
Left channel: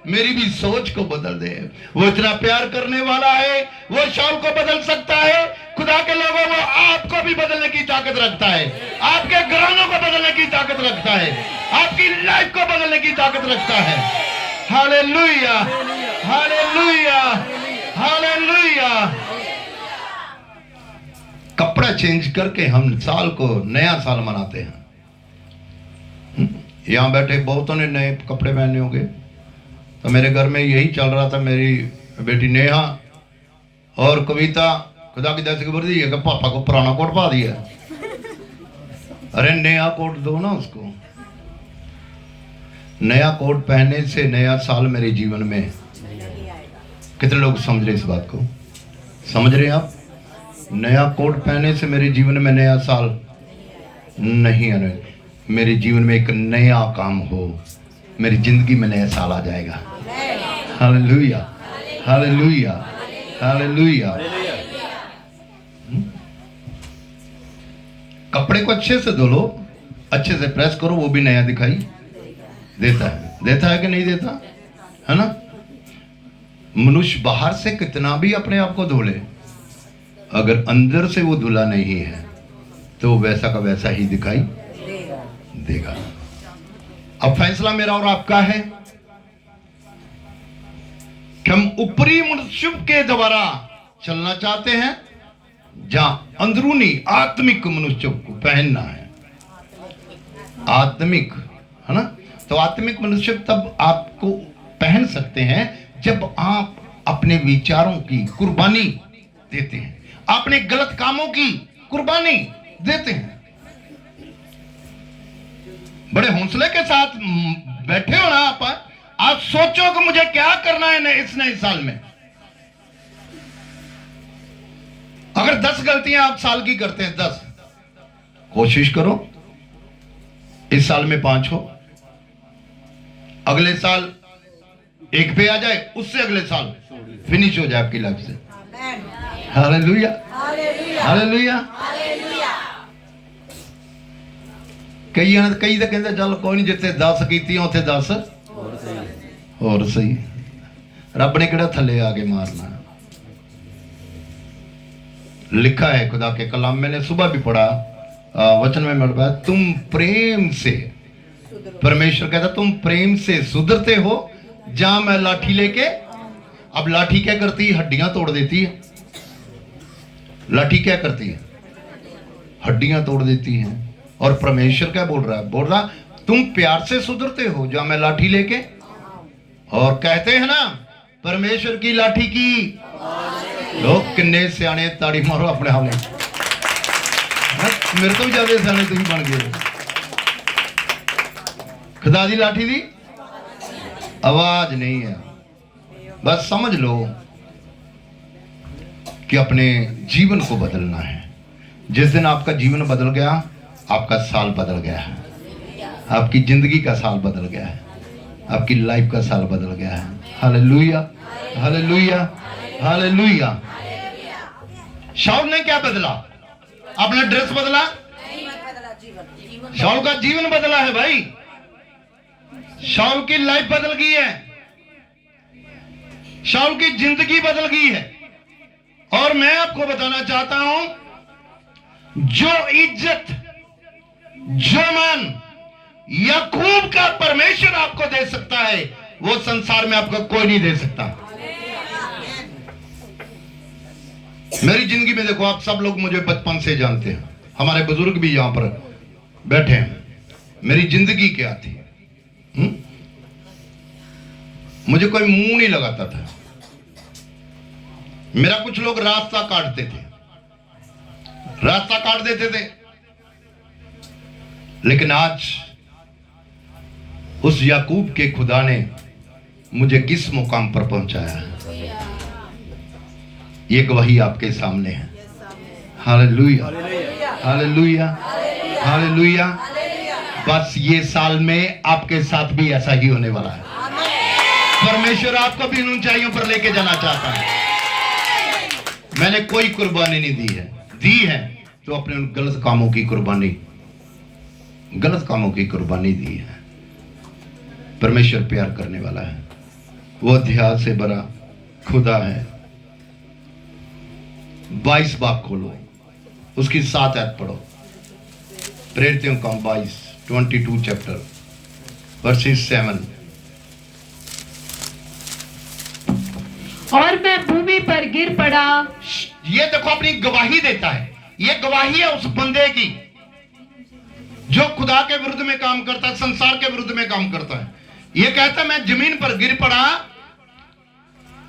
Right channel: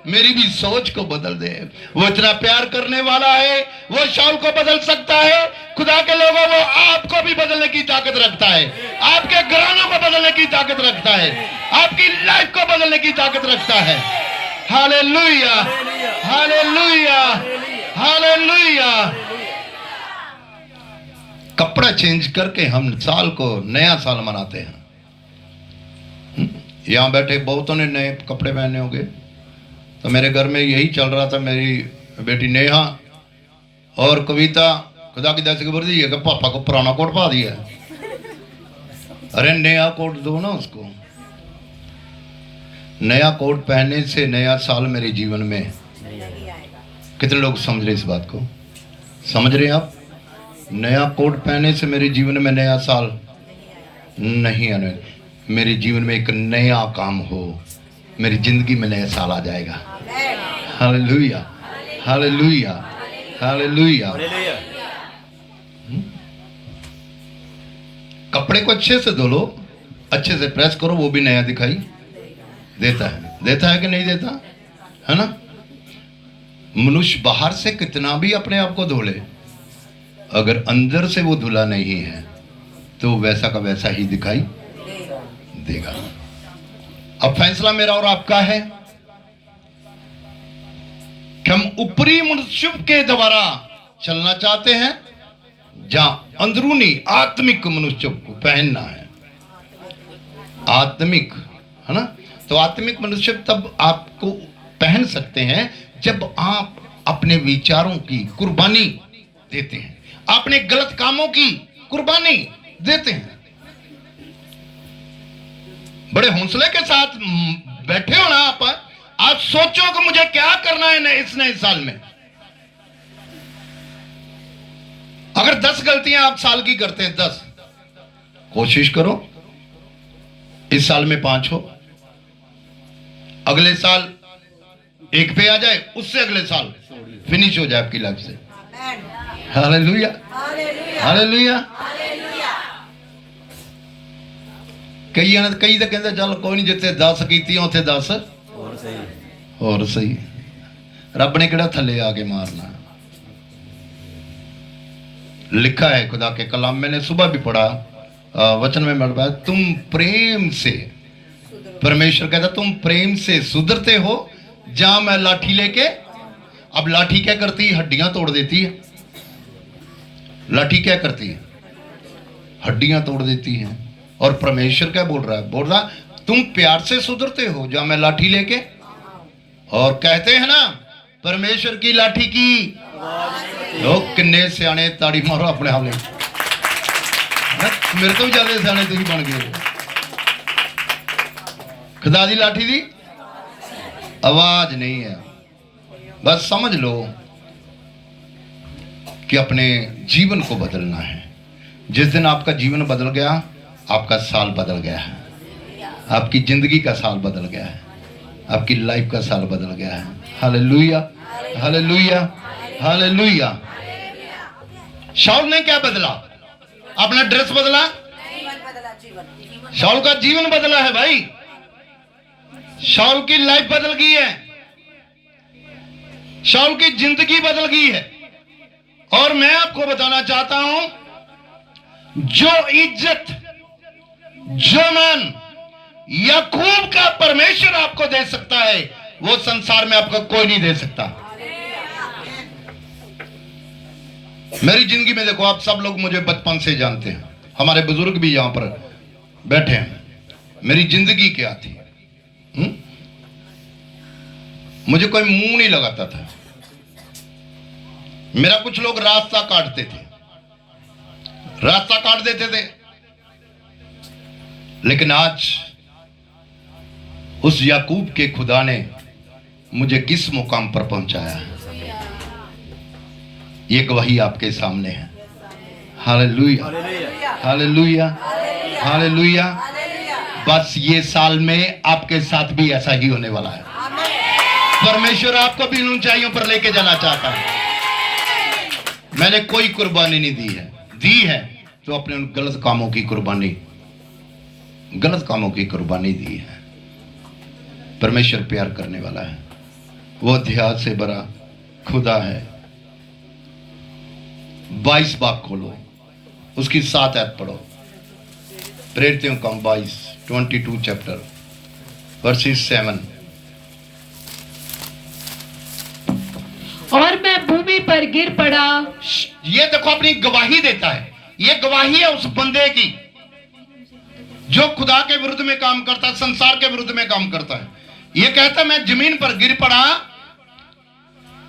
मेरी भी सोच को बदल दे। वो इतना प्यार करने वाला है, वो शाऊल को बदल सकता है। खुदा के लोगों, वो आपको भी बदलने की ताकत रखता है, आपके घरानों को बदलने की ताकत रखता है, आपकी लाइफ को बदलने की ताकत रखता है। Hallelujah, hallelujah, hallelujah. कपड़ा चेंज करके हम साल को, नया साल मनाते हैं। यहां बैठे बहुतों ने नए कपड़े पहने होंगे, तो मेरे घर में यही चल रहा था। मेरी बेटी नेहा और कविता, खुदा की दया खबर दी है कि पापा को पुराना कोट पा दिया। अरे नया कोट दो ना उसको। नया कोट पहनने से नया साल मेरे जीवन में, कितने लोग समझ रहे इस बात को? समझ रहे हैं आप? नया कोट पहनने से मेरे जीवन में नया साल नहीं आने, मेरे जीवन में एक नया काम हो, मेरी जिंदगी में नया साल आ जाएगा। Hallelujah, hallelujah, hallelujah. कपड़े को अच्छे से धो लो, अच्छे से प्रेस करो, वो भी नया दिखाई देता है कि नहीं देता है ना? मनुष्य बाहर से कितना भी अपने आप को धो ले, अगर अंदर से वो धुला नहीं है तो वैसा का वैसा ही दिखाई देगा। अब फैसला मेरा और आपका है कि हम ऊपरी मनुष्य के द्वारा चलना चाहते हैं, जहां अंदरूनी आत्मिक मनुष्य को पहनना है। आत्मिक, है ना? तो आत्मिक मनुष्य तब आपको पहन सकते हैं जब आप अपने विचारों की कुर्बानी देते हैं, अपने गलत कामों की कुर्बानी देते हैं। बड़े हौसले के साथ बैठे हो ना आप सोचो कि मुझे क्या करना है इस नए साल में। अगर 10 गलतियां आप साल की करते हैं, 10, कोशिश करो इस साल में 5 हो, अगले साल 1 पे आ जाए, उससे अगले साल फिनिश हो जाए आपकी लाइफ से। Hallelujah, hallelujah. कई तो कहते चल कोई नहीं, जिथे 10 की उथे 10 और सही। रब ने किहड़ा थले आके मारना। लिखा है खुदा के कलाम, मैंने सुबह भी पढ़ा, वचन में मिल रहा, तुम प्रेम से, परमेश्वर कहता तुम प्रेम से सुधरते हो, जहां मैं लाठी लेके। अब लाठी क्या करती है? हड्डियां तोड़ देती है। लाठी क्या करती है? हड्डियां तोड़ देती है। और परमेश्वर क्या बोल रहा है? बोल रहा तुम प्यार से सुधरते हो, जहां मैं लाठी लेके। और कहते हैं ना, परमेश्वर की लाठी की लोग किन्ने सियाने, ताड़ी मारो अपने आप में। मेरे तो भी ज्यादा सियाने तुम बन गए। खुदा दी लाठी दी आवाज नहीं है। बस समझ लो कि अपने जीवन को बदलना है। जिस दिन आपका जीवन बदल गया, आपका साल बदल गया है, आपकी जिंदगी का साल बदल गया है, आपकी लाइफ का साल बदल गया है। Hallelujah, hallelujah, hallelujah. शाऊल ने क्या बदला? अपना ड्रेस बदला? शाऊल का जीवन बदला है भाई। शाऊल की लाइफ बदल गई है, शाऊल की जिंदगी बदल गई है। और मैं आपको बताना चाहता हूं, जो इज्जत, जो मान याकूब का परमेश्वर आपको दे सकता है, वो संसार में आपको कोई नहीं दे सकता। मेरी जिंदगी में देखो, आप सब लोग मुझे बचपन से जानते हैं, हमारे बुजुर्ग भी यहां पर बैठे हैं। मेरी जिंदगी क्या थी? मुझे कोई मुंह नहीं लगाता था, मेरा कुछ लोग रास्ता काटते थे, रास्ता काट देते थे। लेकिन आज उस याकूब के खुदा ने मुझे किस मुकाम पर पहुंचाया है, ये गवाही आपके सामने है। Hallelujah, hallelujah, hallelujah. बस ये साल में आपके साथ भी ऐसा ही होने वाला है। परमेश्वर आपको भी ऊंचाइयों पर लेके जाना चाहता है। मैंने कोई कुर्बानी नहीं दी है तो अपने उन गलत कामों की कुर्बानी दी है। परमेश्वर प्यार करने वाला है, वो अध्याय से बड़ा खुदा है। 22 बाब खोलो, उसकी 7 आयत पढ़ो। प्रेरितों का 22 चैप्टर वर्सेस 7। और मैं भूमि पर गिर पड़ा। ये देखो अपनी गवाही देता है, ये गवाही है उस बंदे की जो खुदा के विरुद्ध में काम करता है, संसार के विरुद्ध में काम करता है। ये कहता है मैं जमीन पर गिर पड़ा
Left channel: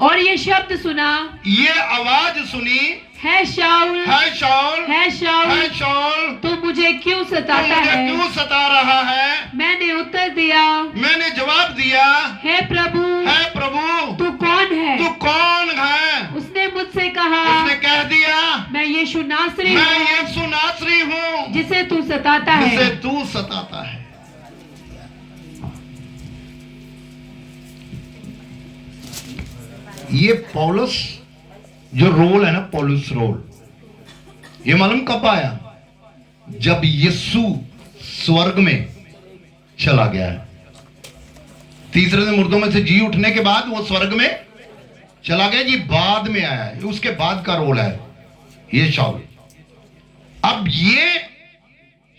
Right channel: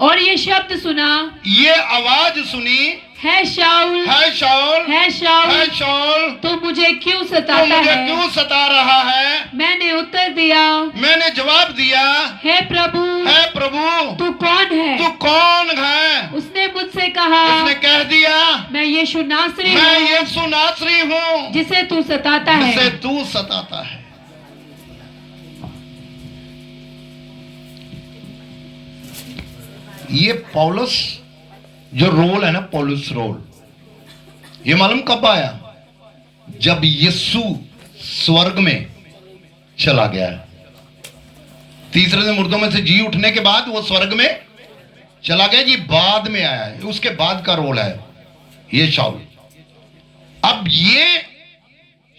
और ये शब्द सुना, ये आवाज सुनी, है शाऊल, है शाऊल, है शाऊल, है शाऊल, तू मुझे क्यों सताता मुझे है? क्यों सता रहा है? मैंने उत्तर दिया, मैंने जवाब दिया, हे प्रभु, है प्रभु, तू कौन है? तू कौन है? उसने मुझसे कहा, उसने कह दिया, मैं यीशु नासरी मैं हूँ, यीशु नासरी हूँ, जिसे तू सताता है। जिसे तू सताता है। ये पौलुस जो रोल है ना, पौलुस रोल, ये मालूम कब आया? जब यीशु स्वर्ग में चला गया, तीसरे दिन मुर्दों में से जी उठने के बाद वो स्वर्ग में चला गया। ये बाद में आया है, उसके बाद का रोल है ये शाऊल। अब ये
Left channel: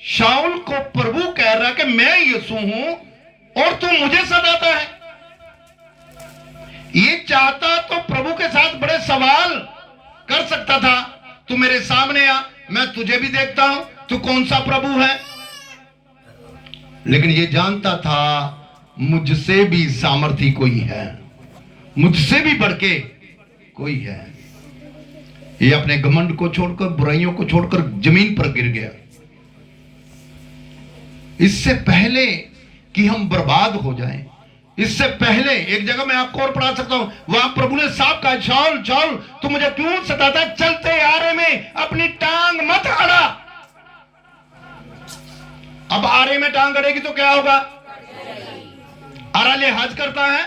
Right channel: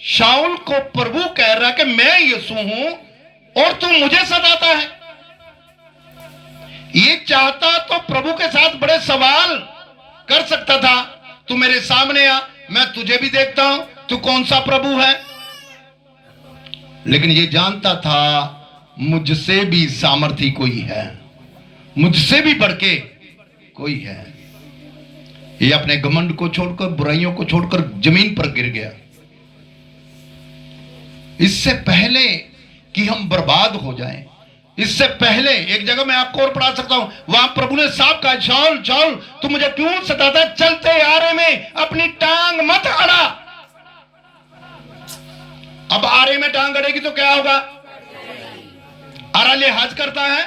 शाऊल को प्रभु कह रहा है कि मैं यीशु हूं और तू मुझे सताता है। ये चाहता तो प्रभु के साथ बड़े सवाल कर सकता था, तू मेरे सामने आ, मैं तुझे भी देखता हूं, तू कौन सा प्रभु है। लेकिन ये जानता था मुझसे भी सामर्थी कोई है, मुझसे भी बढ़ के कोई है। ये अपने घमंड को छोड़कर, बुराइयों को छोड़कर जमीन पर गिर गया। इससे पहले कि हम बर्बाद हो जाएं, इससे पहले एक जगह मैं आपको और पढ़ा सकता हूं, वहां प्रभु ने साफ कहा, शाऊल शाऊल तू मुझे क्यों सताता? चलते आरे में अपनी टांग मत अड़ा। अब आरे में टांग अड़ेगी तो क्या होगा? आरा लिहाज करता है।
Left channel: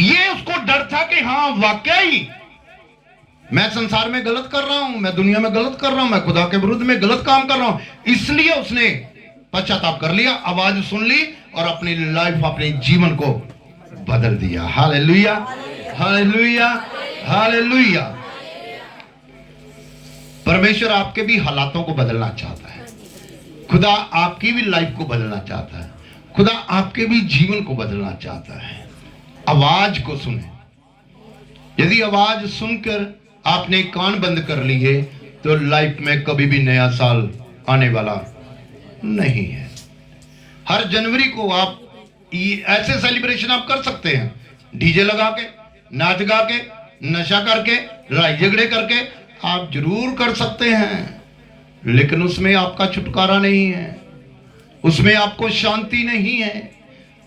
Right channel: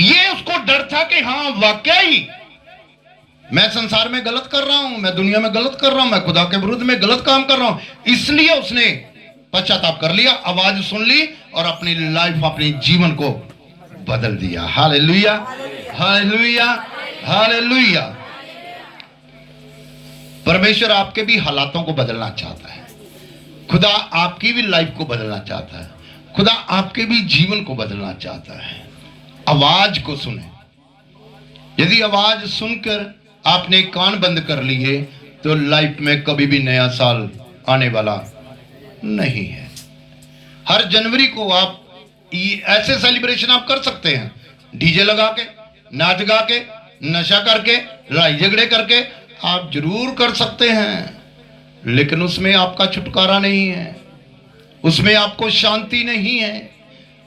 ये उसको डर था कि हाँ वाकई मैं संसार में गलत कर रहा हूं, मैं दुनिया में गलत कर रहा हूं, मैं खुदा के विरुद्ध में गलत काम कर रहा हूं। इसलिए उसने पश्चाताप कर लिया, आवाज सुन ली और अपनी लाइफ, अपने जीवन को बदल दिया। Hallelujah, hallelujah, hallelujah. परमेश्वर आपके भी हालातों को बदलना चाहता है, खुदा आपकी भी लाइफ को बदलना चाहता है, खुदा आपके भी जीवन को बदलना चाहता है। आवाज को सुने। यदि आवाज सुनकर आपने कान बंद कर लिए तो लाइफ में कभी भी नया साल आने वाला नहीं है। हर जनवरी को आप ऐसे सेलिब्रेशन आप कर सकते हैं, डीजे लगा के, नाच गा के, नशा करके, लड़ाई झगड़े करके आप जरूर कर सकते हैं, लेकिन उसमें आपका छुटकारा नहीं है, उसमें आपको शांति नहीं है,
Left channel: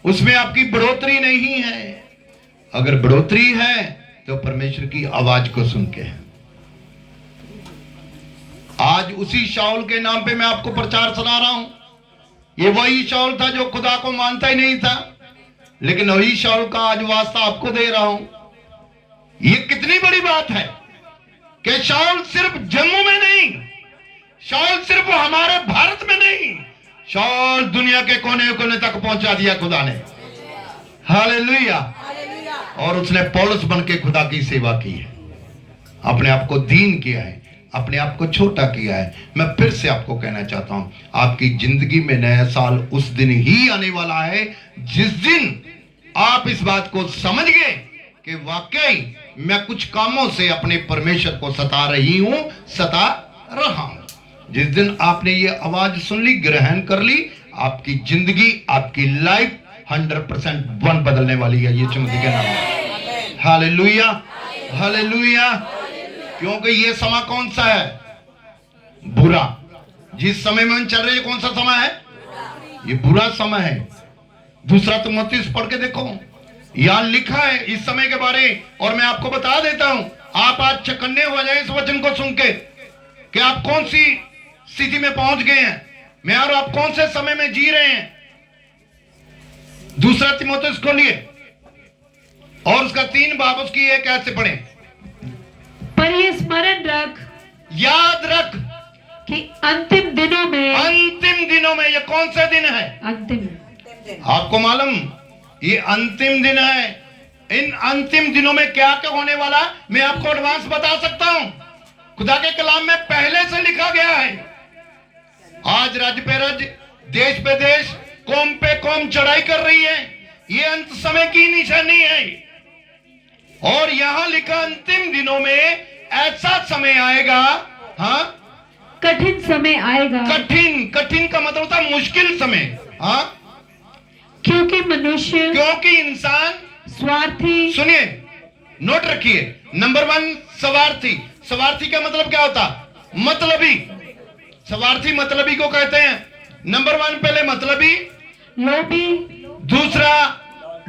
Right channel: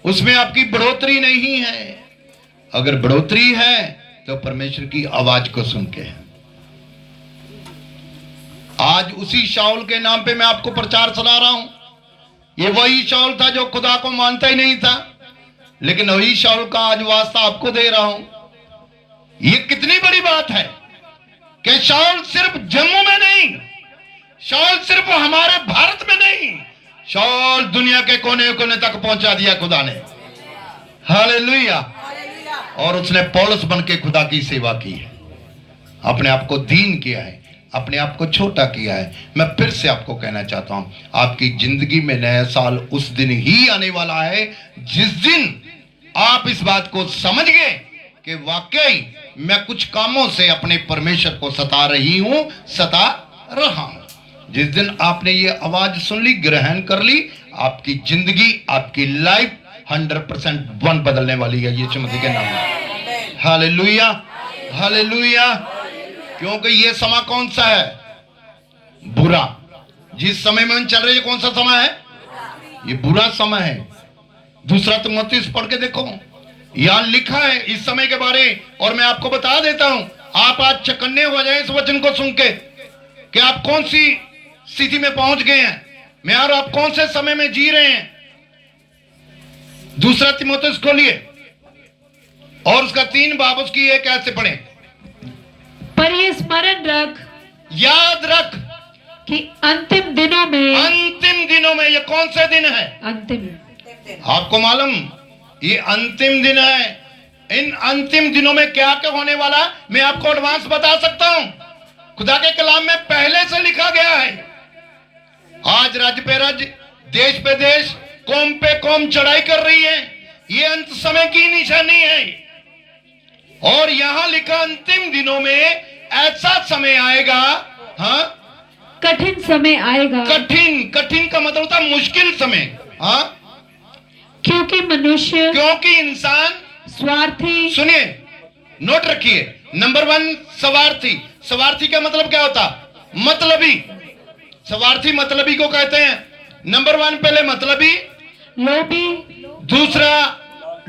उसमें आपकी बढ़ोतरी नहीं है। अगर बढ़ोतरी है तो परमेश्वर की आवाज को सुन के है। आज उसी शाऊल के नाम पे मैं आपको प्रचार चला रहा हूं। ये वही शाऊल था जो खुदा को मानता ही नहीं था, लेकिन वही शाऊल का आज वास्ता आपको दे रहा हूं। ये कितनी बड़ी बात है कि शाऊल सिर्फ जम्मू में नहीं, शाऊल सिर्फ हमारे भारत में नहीं, शाऊल दुनिया के कोने कोने तक पहुंचा दिया खुदा ने। हालेलुया। और उसने पौलुस बन के खुदा की सेवा की है, अपने आप को दीन किया है, अपने आप को छोटा किया है। मैं फिर से आपको कहना चाहता हूं, आपकी जिंदगी में नया साल उस दिन ही आने वाला है जिस दिन आप इस बात को समझ गए कि वाकई मैं कुछ कामों से अपने परमेश्वर को सता रही हूं, सता रहा हूं। जिस दिन आपने ये आवाज सुन ली, ग्रहण कर ली, आपकी जिंदगी, आपकी लाइफ 100% बदलने वाली है यीशु मसीह के नाम में। Hallelujah, hallelujah. क्योंकि ये समय कौन सा है? बुरा। जिस समय में हम चल रहे हैं कौन सा समय है? ये बुरा समय है। दूसरा तिमोथेयुस पढ़ के देखो, यहां लिखा है इस समय के बारे। और मैं आपको बता देता हूं, आप आज चकन्ने हो जाए इस वचन को सुन के कि आप कौन सी स्थिति में पहुंच गए हैं, मैं और आप कौन से समय में जी रहे हैं। दूसरा तिमोथेयुस खोलिए और उसका 3 बाब उसकी 1 ऐसे पढ़े। पर ये स्मरण रख, याद रख कि अंतिम दिनों में, अंतिम दिनों में, ये कौन से दिन है? अंतिम, आपको मालूम ये अंतिम दिन है। इन अंतिम दिनों में क्या क्या होने वाला मैं आपको एडवांस बता सकता हूं। खुदा के कलाम में पहले से लिखा गया है। आज राज्य पे राज्य, देश पे देश, कौम पे कौम चढ़ाई कर रही है। ये अंत समय की निशानी है। और यहां लिखा अंतिम दिनों में ऐसा समय आएगा, हाँ, कठिन समय आएगा। कठिन, कठिन का मतलब होता है मुश्किल समय। हाँ, क्योंकि मनुष्य, क्योंकि इंसान स्वार्थी, सुनिए, नोट रखिए। नंबर 1 स्वार्थी। स्वार्थी का मतलब क्या होता? मतलबी। स्वार्थी मतलबी को कहते हैं। नंबर 1 पहले मतलबी, लोभी, दूसरा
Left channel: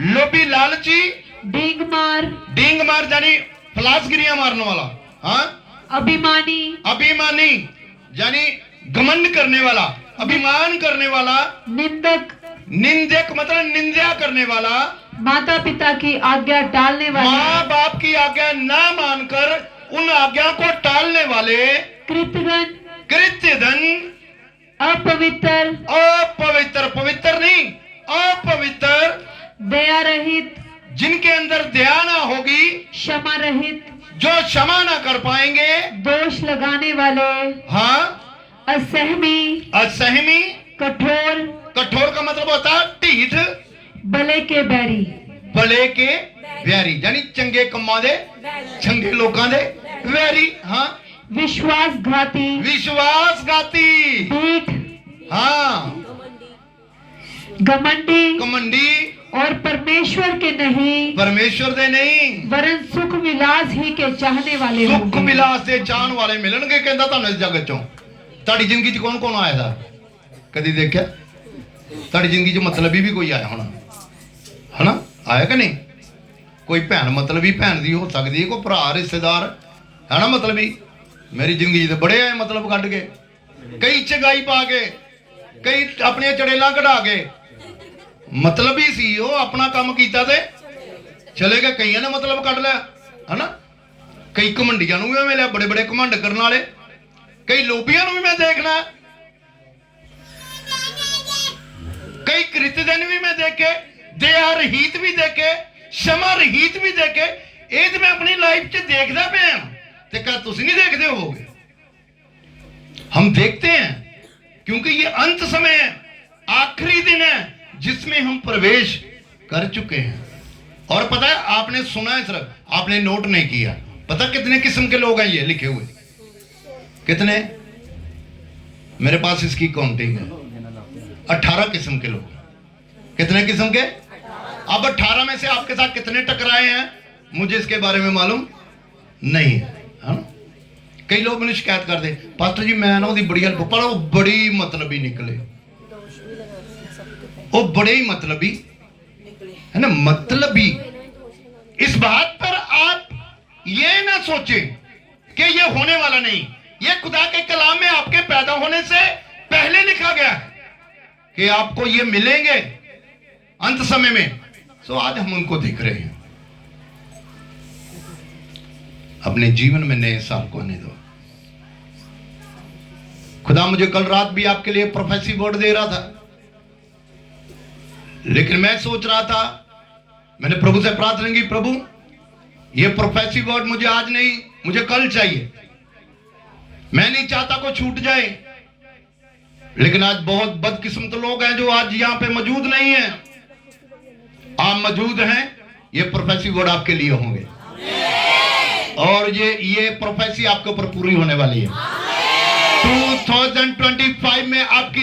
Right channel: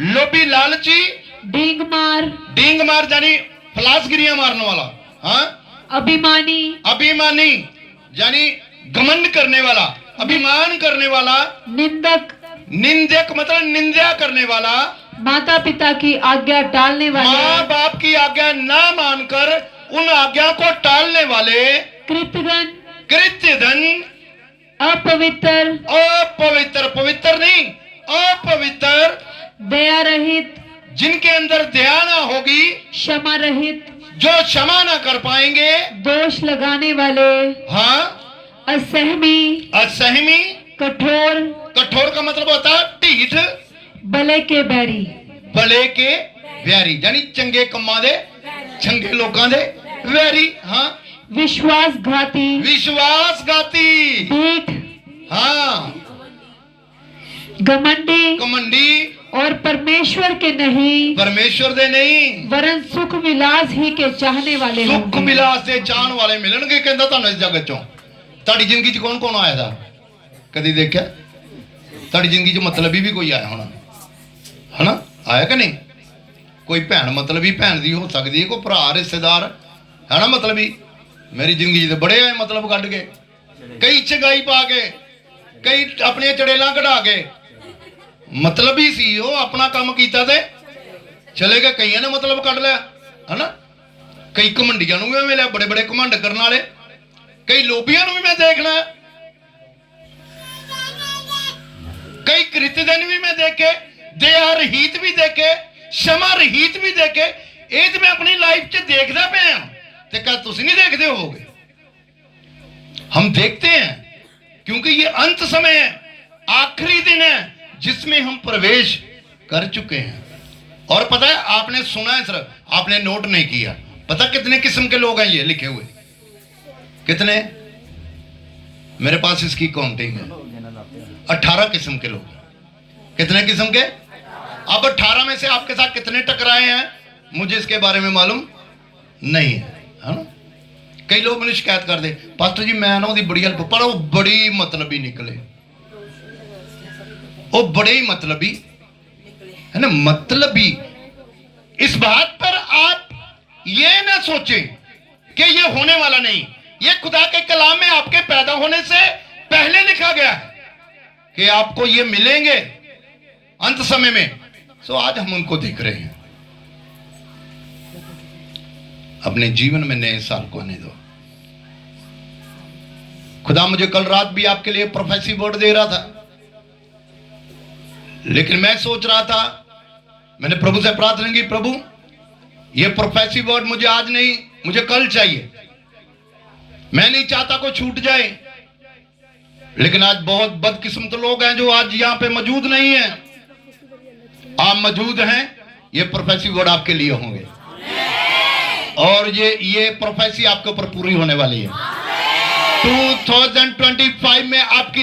लोभी लालची, डींग मार, डींग मार यानी फलासगिरियां मारने वाला, हाँ, अभिमानी, अभिमानी यानी घमंड करने वाला, अभिमान करने वाला, निंदक, निंदक मतलब निंदा करने वाला, माता पिता की आज्ञा टालने वाले, माँ बाप की आज्ञा ना मानकर उन आज्ञा को टालने वाले, कृतघ्न, कृत्यधन, अपवित्र, अपवित्र, पवित्र नहीं, अपवित्र, दया रहित, जिनके अंदर दया ना होगी, क्षमा रहित, जो क्षमा ना कर पाएंगे, दोष लगाने वाले, हाँ, असहमी, असहमी, कठोर, कठोर का मतलब होता है ढीठ, भले के बैरी, भले के वैरी यानी चंगे कम्मा दे, चंगे लोगों दे वैरी, हाँ, विश्वासघाती, विश्वासघाती, ढीठ, हाँ, घमंडी, कमंडी, और परमेश्वर के नहीं, परमेश्वर दे नहीं, वरन सुख विलास ही के चाहने वाले सुख होंगे। विलास दे चाहन वाले मिलणगे। कहंदा तुहानू इस जगत चों ਤੁਹਾਡੀ ਜ਼ਿੰਦਗੀ 'ਚ कौन कौन आया था? कदी देखा? ਤੁਹਾਡੀ ਜ਼ਿੰਦਗੀ 'ਚ मतलबी भी कोई आया होना, है ना? आया कि नहीं? कोई भैन मतलबी भैन दी हो सकती है, कोई भरा रिश्तेदार है ना मतलबी। मेरी जिंदगी 'ਚ बड़े आए मतलब कढ़ के, कई चंगाई पा के, कई अपने चड़ेला कढ़ा के। मतलबी सी वो, अपना काम कीता ते चले गए। कईयां ने मतलब कढ़ लिया, है ना? कई घमंडियां नूं भी मिले, बड़े बड़े घमंड करने वाले। कई लोभियां नूं भी मैं देखना, कई कृतघ्न भी मैं देखे, दया रहित भी देखे, क्षमा रहित भी देखे। ये तो मैं अपनी लाइफ च देखदा पिया, ते क्या तुसीं नहीं देखते होगे? हम देखते हैं क्योंकि ये अंत समय है, आखिरी दिन है जिसमें हम प्रवेश कर चुके हैं। और पता है, आपने सुना है सिर्फ, आपने नोट नहीं किया। पता कितने किस्म के लोग हैं ये लिखे हुए? कितने? मेरे पास इसकी काउंटिंग है, 18 किस्म के लोग। कितने किस्म के? अब 18 में से आपके साथ कितने टकराए हैं मुझे इसके बारे में मालूम नहीं है। कई लोग मुझे शिकायत कर दे, पास्टर जी मैं ना बड़ी हेल्प, पर वो बड़ी मतलबी निकले, वो बड़े ही मतलबी है ना। मतलबी इस बात पर आप ये ना सोचें कि ये होने वाला नहीं। ये खुदा के कलाम में आपके पैदा होने से पहले लिखा गया है कि आपको ये मिलेंगे अंत समय में। सो आज हम उनको देख रहे हैं। अपने जीवन में नए साल को आने दो। खुदा मुझे कल रात भी आपके लिए प्रोफेसी वर्ड दे रहा था, लेकिन मैं सोच रहा था, मैंने प्रभु से प्रार्थना की, प्रभु ये प्रोफेसी वर्ड मुझे आज नहीं, मुझे कल चाहिए। मैं नहीं चाहता कोई छूट जाए। लेकिन आज बहुत बदकिस्मत लोग हैं जो आज यहां पे मौजूद नहीं है। आप मौजूद हैं, ये प्रोफेसी वर्ड आपके लिए होंगे और ये प्रोफेसी आपके ऊपर पूरी होने वाली है। 2025 में आपकी